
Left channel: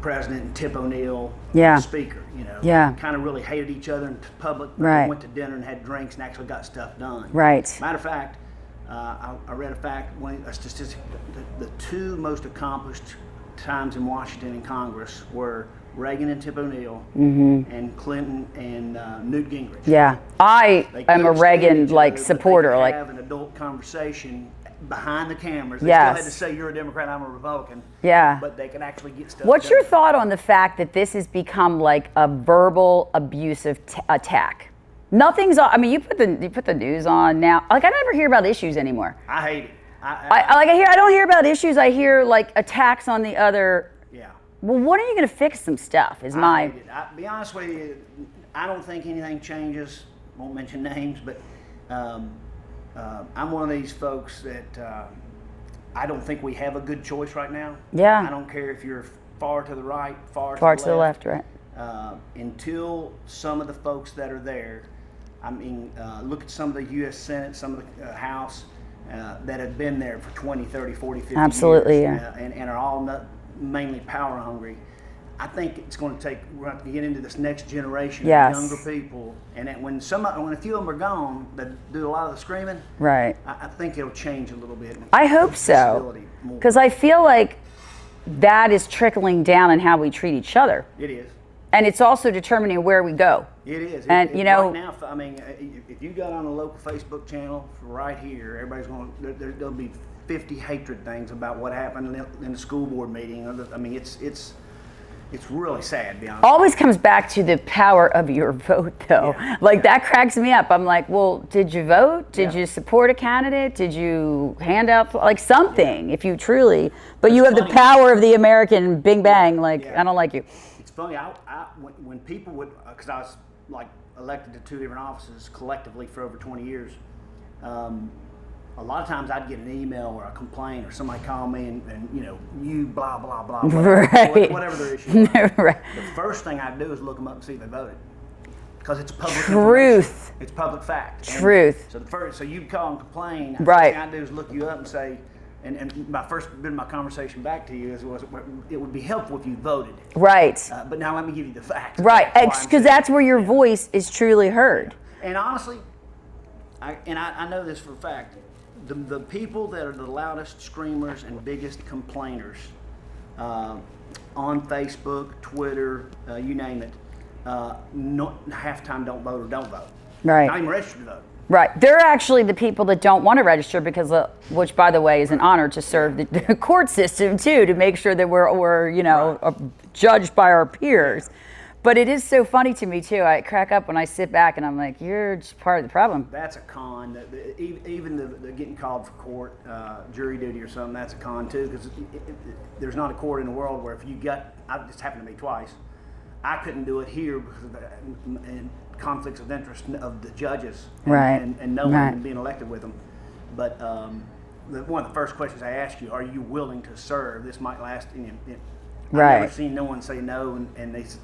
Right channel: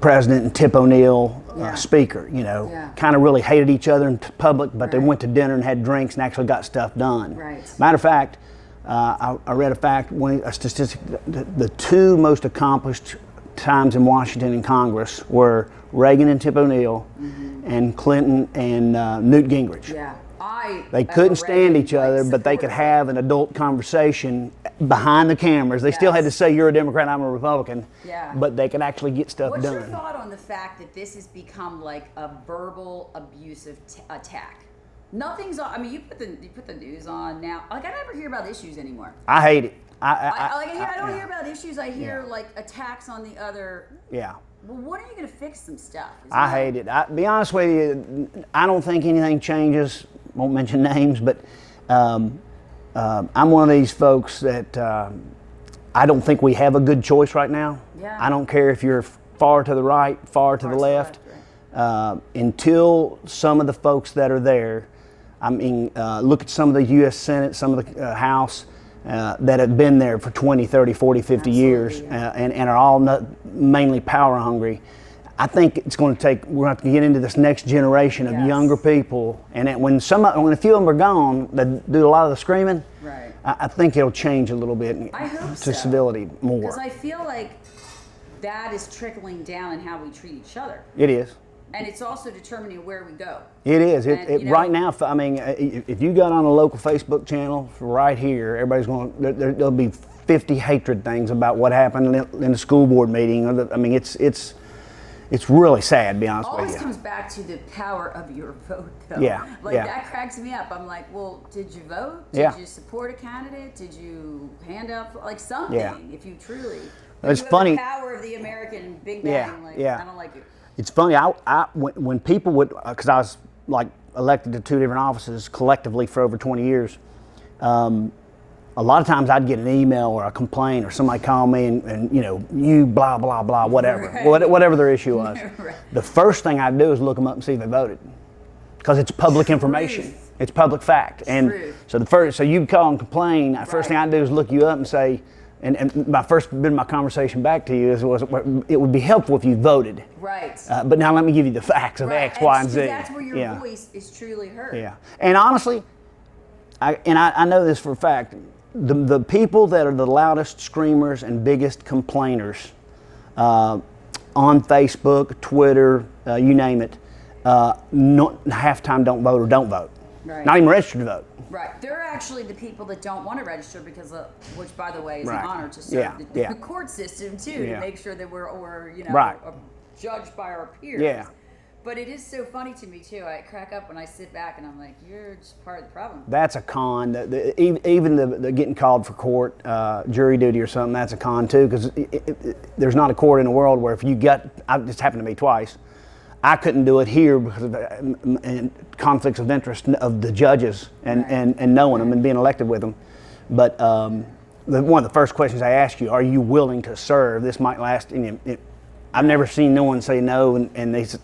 President, and Tip O'Neill, Speaker, you know, kind of really hated each other in public, but they went to dinner and had drinks and actually got stuff done. Right. Matter of fact, I read a statistic, the two most accomplished times in Washington and Congress were Reagan and Tip O'Neill and Clinton and Newt Gingrich. Yeah. I am a Reagan supporter. But they could have an adult conversation behind the cameras. They still had to say, you're a Democrat, I'm a Republican. Yeah. But they could actually get stuff What's done. your thought on the fact that this has become like a verbal abusive attack? Nothing's on. I mean, you put the news on now. Like, I never hear about issues anymore. I hate it. I don't hear about issues. I hear like attacks on the other. Yeah. Well, when are you going to fix some stuff? I hate it. Be honest with you, I don't think anything changes. Won't mention names, but I'm one of these folks that I don't think we have a good choice right now. Yeah. I don't care if you're far to the right, far to the left. Right. Until some of the folks that are there, I mean, look at some of the U.S. Senate, some of the House that have been there for 20, 30, 40, 50 years and are all mainly power hungry. I think it's going to take, we're going to have to get into this next generation of younger people. And when a few of them are gone, that do a lot of the screaming, right? I think it'll change a little bit. I hope so. Civility more. Because I feel like that is trickling down in how we treat each other. It is. And it's also determining where we go. It is. And, you know, right now, I mean, if you got on a local Facebook channel right here, everybody's going, there'll be 50 hatred things about what happened in the school board meeting. I mean, it's really sad, to be honest. Always comes back to the power of your vote, though. Yeah, that cracks me up. I'm like, well, did you vote? Did you support a candidate? Did you hand out like something? If you truly, but you have the power of the American Big Bang. I don't like you. It's funny. When people would, because I was like elected to 2 different offices collectively for over 20 years. A lot of times I'd get an email or a complaint or somebody call me and you know, you blah, blah, blah, whatever, whatever their issue was. Right. The first thing I'd do is look them up and see if they voted. because it's public information. It's public fact. And so you call and complain. The first thing I do is look you up and say, and my first bit of my conversation back to you was it would be helpful if you voted. Right. But now let me give you the facts. Right. Because that's where your voice is truly heard. Yeah. And honestly, I know this for a fact. The people that are the loudest screamers and biggest complainers on Facebook, Twitter, you name it, half time don't vote or don't vote. Right. Not even registered to vote. Right. They're actually the people that don't want to register because, which by the way is an honor to serve the court system too, to make sure that we're judged by our peers. Yeah. But it is so funny to me too. I crack up when I sit back and I'm like, you're just part of the problem. That's a con. Even the getting called for court, jury duty or something, that's a con too, because there's not a court in the world where it just happened to me twice. I couldn't do it here because of conflicts of interest of the judges and knowing them and being elected with them. But one of the first questions I ask you, are you willing to serve? This might last. I've never seen no one say no, and they said,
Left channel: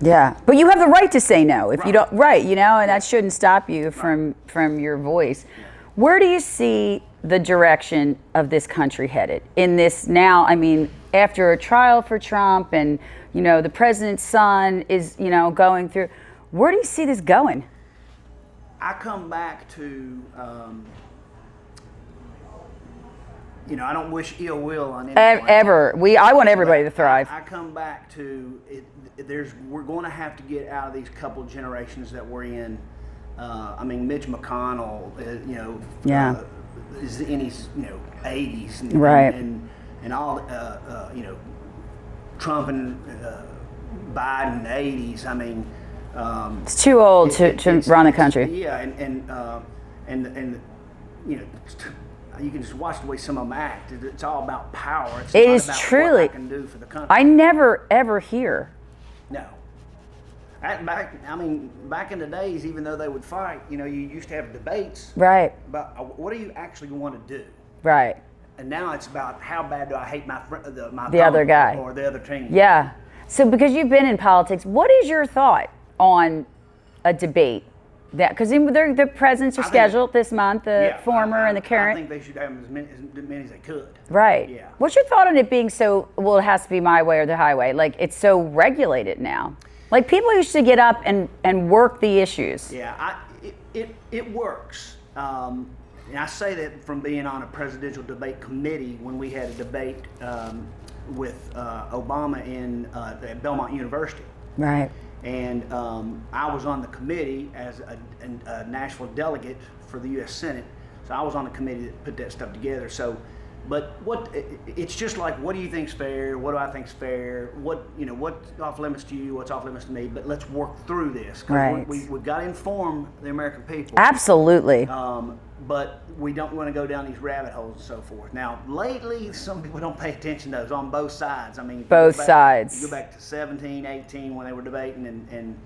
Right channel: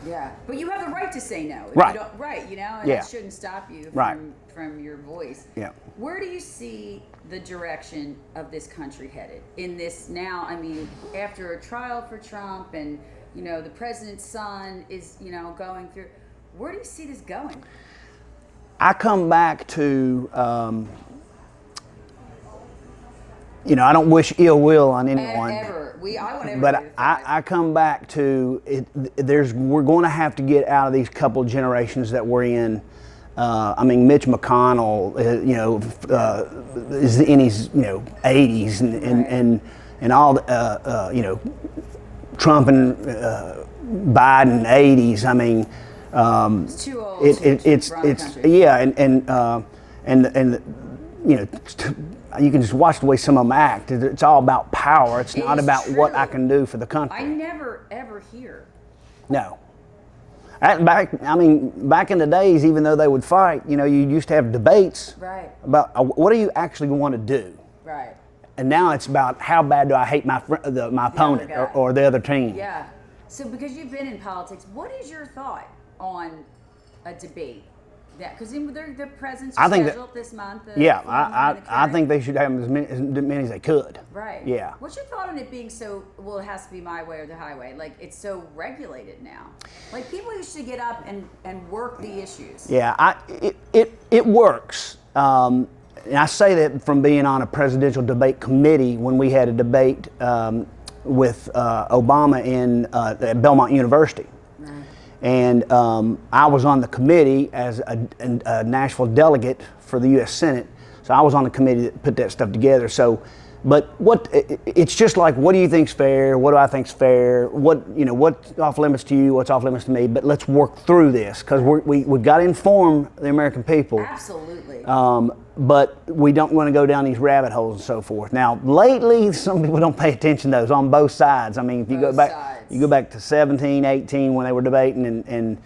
Yeah, but you have the right to say no if you don't. Right, and that shouldn't stop you from your voice. Yeah. Where do you see the direction of this country headed in this now? I mean, after a trial for Trump and the president's son is going through. Where do you see this going? I come back to I don't wish ill will on anyone. Ever. I want everybody to thrive. I come back to it. We're going to have to get out of these couple generations that we're in. Mitch McConnell, is in his 80s, and all Trump and Biden 80s. I mean, it's too old to run a country. Yeah, and you can just watch the way some of them act. It's all about power. It's not about what I can do for the country. I never ever hear. No. Back in the days, even though they would fight, you used to have debates. Right. About what do you actually want to do. Right. And now it's about how bad do I hate my opponent other guy or the other team. Yeah. So because you've been in politics, what is your thought on a debate? Because the presidents are scheduled this month, the former and the current. I think they should have as many as they could. Right. Yeah. What's your thought on it being so, well, it has to be my way or the highway? Like, it's so regulated now. Like, people used to get up and work the issues. Yeah, it works. And I say that from being on a presidential debate committee when we had a debate with Obama at Belmont University. Right. And I was on the committee as a Nashville delegate for the U.S. Senate. So I was on the committee that put that stuff together. So, but it's just like, what do you think's fair? What do I think's fair? What's off limits to you? What's off limits to me? But let's work through this because we've got to inform the American people. Absolutely. But we don't want to go down these rabbit holes and so forth. Now, lately, some people don't pay attention to those on both sides. I mean, both sides. You go back to 17, 18 when they were debating, and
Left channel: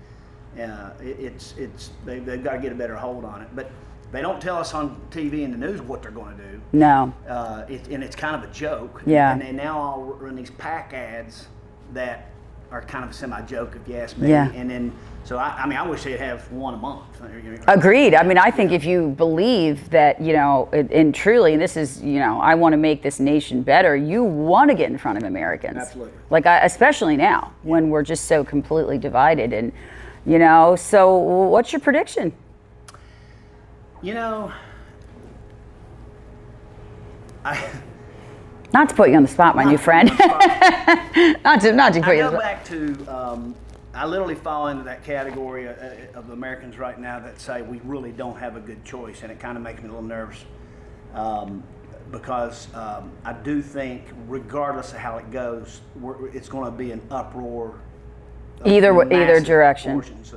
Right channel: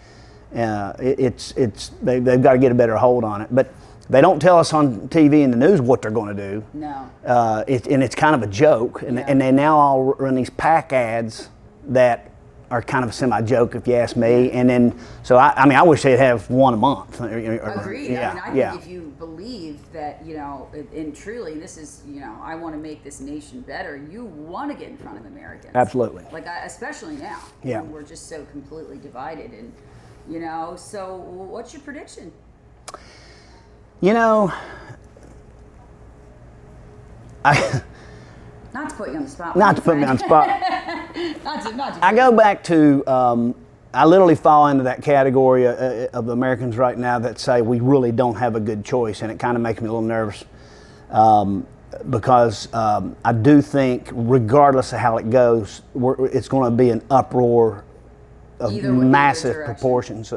they've got to get a better hold on it. But they don't tell us on TV and the news what they're going to do. No. And it's kind of a joke. And they now all run these PAC ads that are kind of a semi-joke, if you ask me. Yeah. And then, so I wish they'd have one a month. Agreed. Yeah. I mean, I think if you believe that, and truly, this is, I want to make this nation better, you want to get in front of Americans. Absolutely. Like, especially now, when we're just so completely divided. And, so what's your prediction? Not to put you on the spot, my new friend. not to. I go back to. I literally fall into that category of Americans right now that say we really don't have a good choice, and it kind of makes me a little nervous because I do think, regardless of how it goes, it's going to be an uproar. Of either direction. Proportions.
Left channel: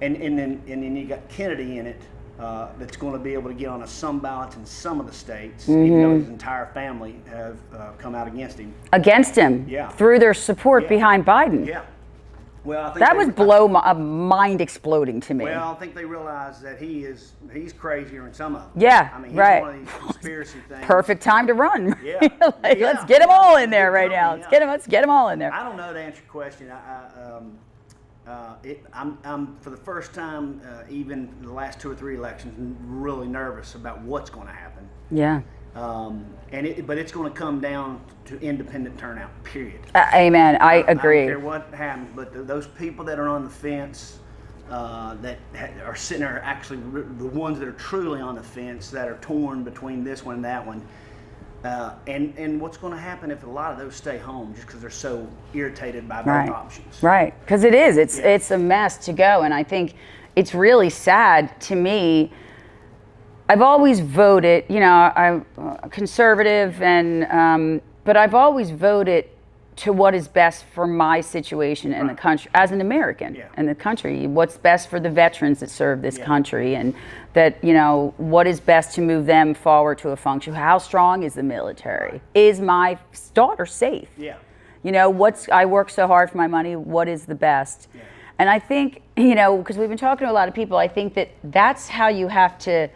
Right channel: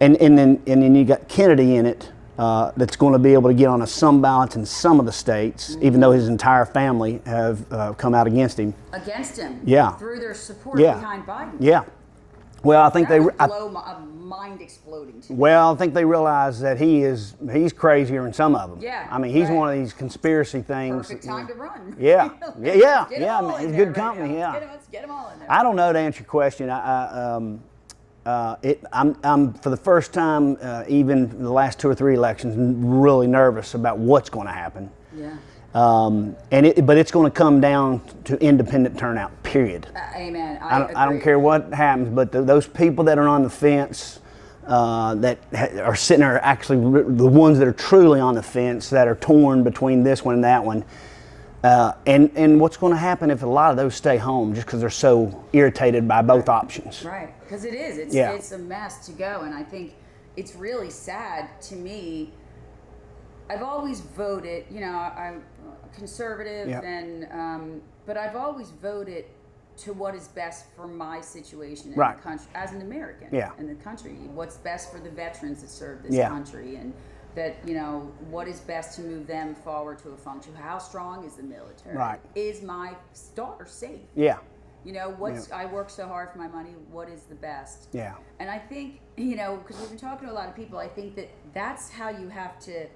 And then you got Kennedy in it. That's going to be able to get on some ballots in some of the states, even though his entire family have come out against him. Against him? Yeah. Through their support behind Biden? Yeah. Well, I think that would blow my mind exploding to me. Well, I think they realize that he's crazier than some of them. Yeah. I mean, he's one of these conspiracy things. Perfect time to run. Yeah. Let's get them all in there right now. Yeah. Let's get them all in there. I don't know, to answer your question. I'm for the first time, even in the last 2 or 3 elections, really nervous about what's going to happen. Yeah. But it's going to come down to independent turnout. Period. Amen. I agree. I don't care what happens, but those people that are on the fence, that are sitting there, actually the ones that are truly on the fence, that are torn between this one and that one. And what's going to happen if a lot of those stay home just because they're so irritated by both options? Right, because it's a mess to go, and I think it's really sad to me. I've always voted, I'm conservative, and but I've always voted to what is best for my situation in the country as an American in the country. What's best for the veterans that serve this country, and that what is best to move them forward to a function. How strong is the military? Is my daughter safe? I work so hard for my money. What is the best? And I think because we've been talking to a lot of people, I think that's how you have to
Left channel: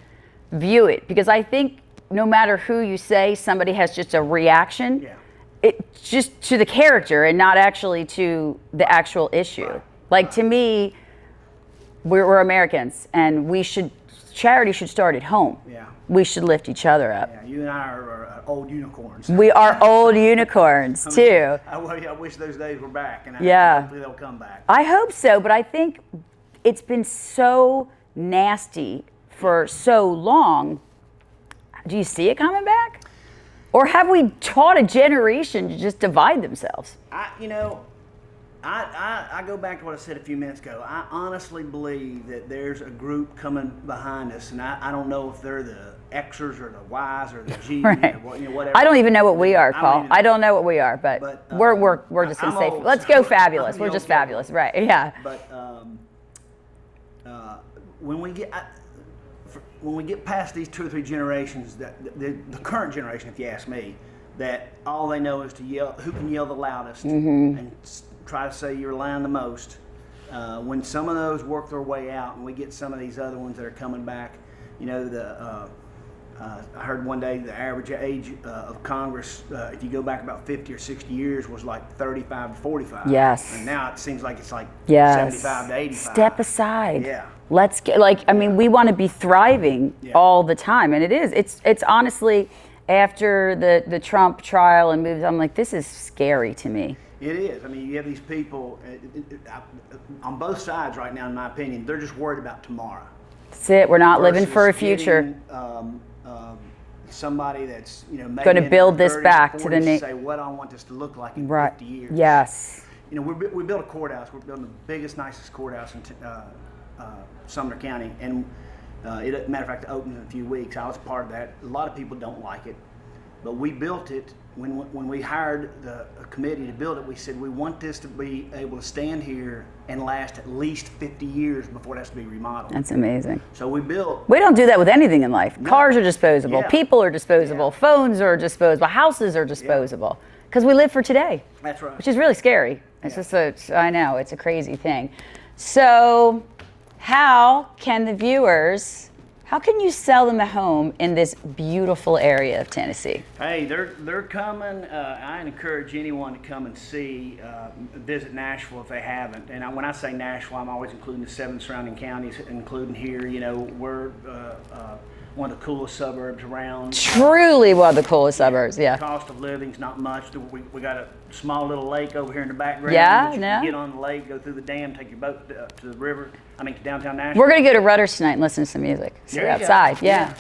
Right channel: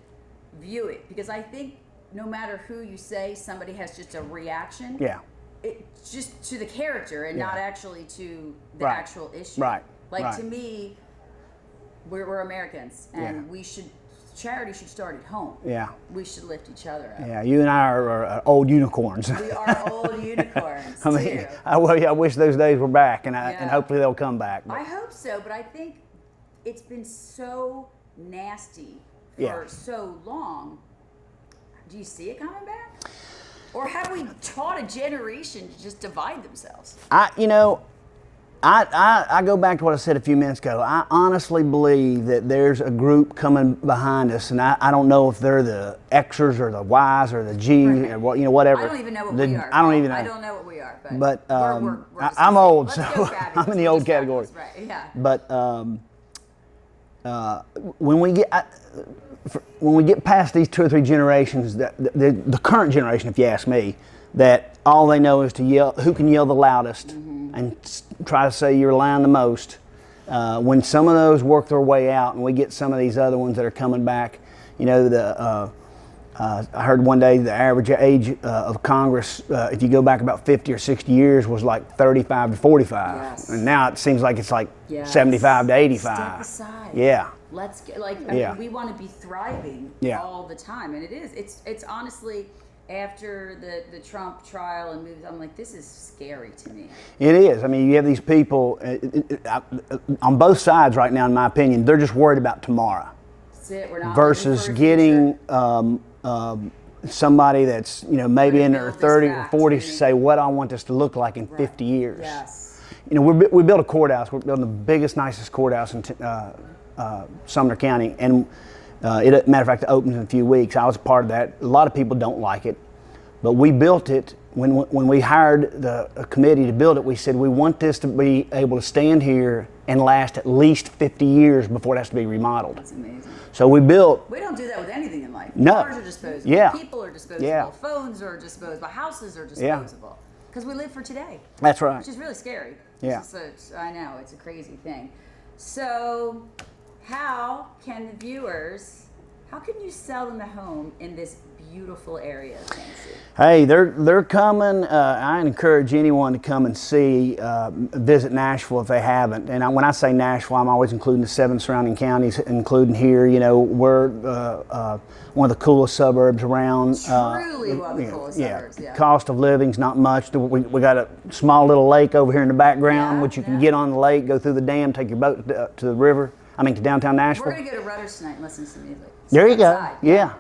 view it, because I think no matter who you say, somebody has just a reaction. It's just to the character and not actually to the actual issue. To me, we're Americans, and charity should start at home. We should lift each other up. You and I are old unicorns. We are old unicorns too. I wish those days were back, and hopefully they'll come back. I hope so, but I think it's been so nasty for so long. Do you see it coming back? Or have we taught a generation to just divide themselves? I go back to what I said a few minutes ago. I honestly believe that there's a group coming behind us, and I don't know if they're the Xers or the Ys or the Gs or whatever. I don't even know what we are, Paul. I don't know what we are, but we're just I'm old. Let's go fabulous. We're just fabulous, right? Yeah. But when we get past these 2 or 3 generations, the current generation, if you ask me, that all they know is to yell, who can yell the loudest, and try to say you're lying the most. When some of those work their way out, and we get some of these other ones that are coming back, I heard one day the average age of Congress, if you go back about 50 or 60 years, was like 35 to 45. Yes. And now it seems like it's like 75 to 85. Step aside. Yeah. Let's get we want to be thriving all the time, and it is. It's honestly, after the Trump trial and moves, I'm like, this is scary to me. It is. I mean, you have these people on both sides right now, in my opinion, they're just worried about tomorrow. That's it. We're not living for a future. Somebody that's maybe in their 30s or 40s to say what I want this to look like in 50 years. Yes. We built a courthouse. We're building the biggest, nicest courthouse in Sumner County, and matter of fact, it opens in a few weeks. I was a part of that. A lot of people don't like it, but we built it. When we hired the committee to build it, we said we want this to be able to stand here and last at least 50 years before it has to be remodeled. That's amazing. So we don't do that with anything in life. No. Cars are disposable. People are disposable. Phones are disposable. Houses are disposable. Because we live for today. That's right. Which is really scary. It's just I know, it's a crazy thing. So how can you sell them a home in this beautiful area of Tennessee? Hey, they're coming. I encourage anyone to come and visit Nashville if they haven't. And when I say Nashville, I'm always including the 7 surrounding counties, including here. We're one of the coolest suburbs around. Truly one of the coolest suburbs, Cost of living's not much. We got a small little lake over here in the background, which you can get on the lake, go through the dam, take your boat to the river. To downtown Nashville. We're going to go to Rutter's tonight and listen to some music. There you outside. Go. Yeah.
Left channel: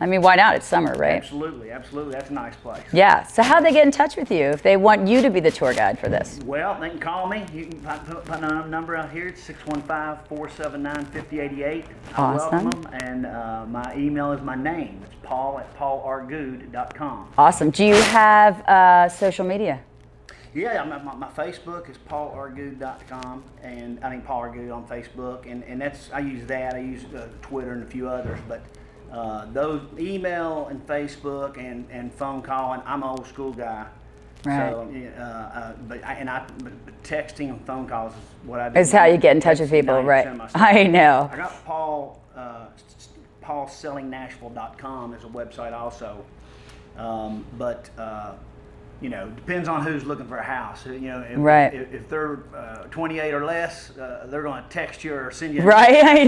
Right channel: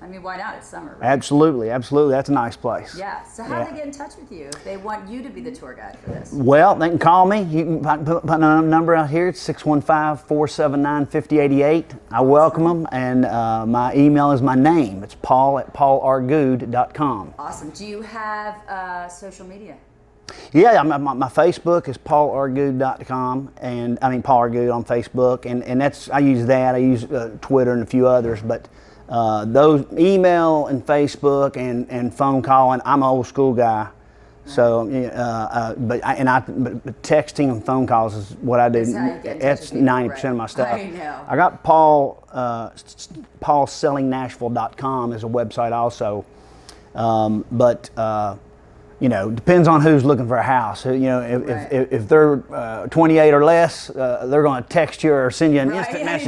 I mean, why not? It's summer, right? Absolutely. That's a nice place. Yeah. So how do they get in touch with you if they want you to be the tour guide for this? Well, they can call me. You can put a number out here. It's 615-479-5088. I welcome them. And my email is my name. It's paul@paulargoode.com. Awesome. Do you have social media? Yeah, my Facebook is paulargoode.com, and Paul R. Goode on Facebook, and that's I use that. I use Twitter and a few others, but those email and Facebook and phone calling. I'm an old school guy, so but texting and phone calls is what I do. It's how you get in touch with people, 90% of my stuff. I know. I got paulsellingnashville.com is a website also, but. depends on who's looking for a house. If, Right. if they're 28 or less, they're going to text you or send you. Right, I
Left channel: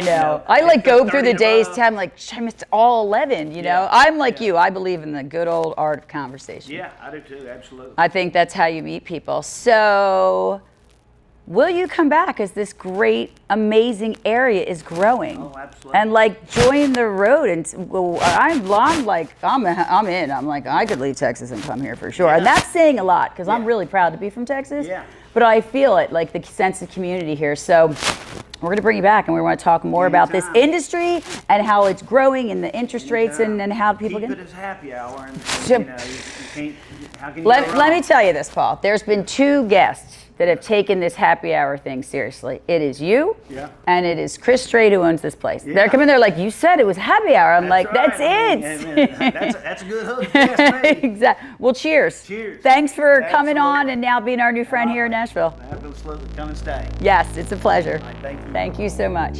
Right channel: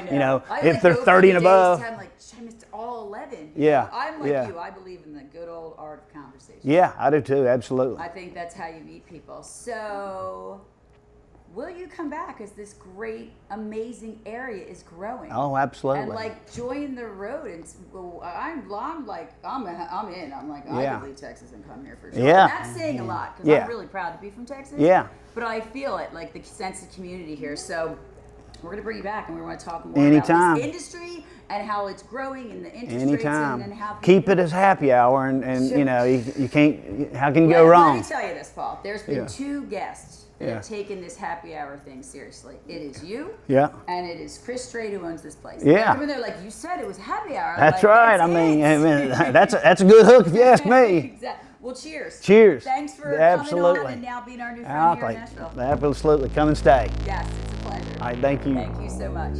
know. I if like they're go through 30 the and days. above- I'm like, I missed all 11. Yeah, I'm like yeah. you. I believe in the good old art of conversation. Yeah, I do too. Absolutely. I think that's how you meet people. So, will you come back as this great, amazing area is growing? Oh, absolutely. And like join the road. And I'm like, I'm in. I'm like, I could leave Texas and come here for sure. Yeah. And that's saying a lot because I'm Yeah. really proud to be from Texas. Yeah. But I feel it, like the sense of community here. So we're going to bring you back and we want to talk more about Anytime. this industry and how it's growing and the interest rates Anytime. and how people keep it as happy hour, and So- you can't. How can you go wrong? Let me tell you this, Paul. There's been two guests that have taken this happy hour thing seriously. It is you, Yeah. and it is Chris Strait who owns this place. Yeah. They're coming there like, you said it was happy hour. I'm That's like, right. that's I it. mean, that's a good hook if you ask me. Exactly. Well, cheers. Cheers. Thanks for coming on Absolutely. and now being our new friend here in Nashville. Absolutely. Come and stay. Yes, it's a pleasure. All right, thank you. Thank you so much.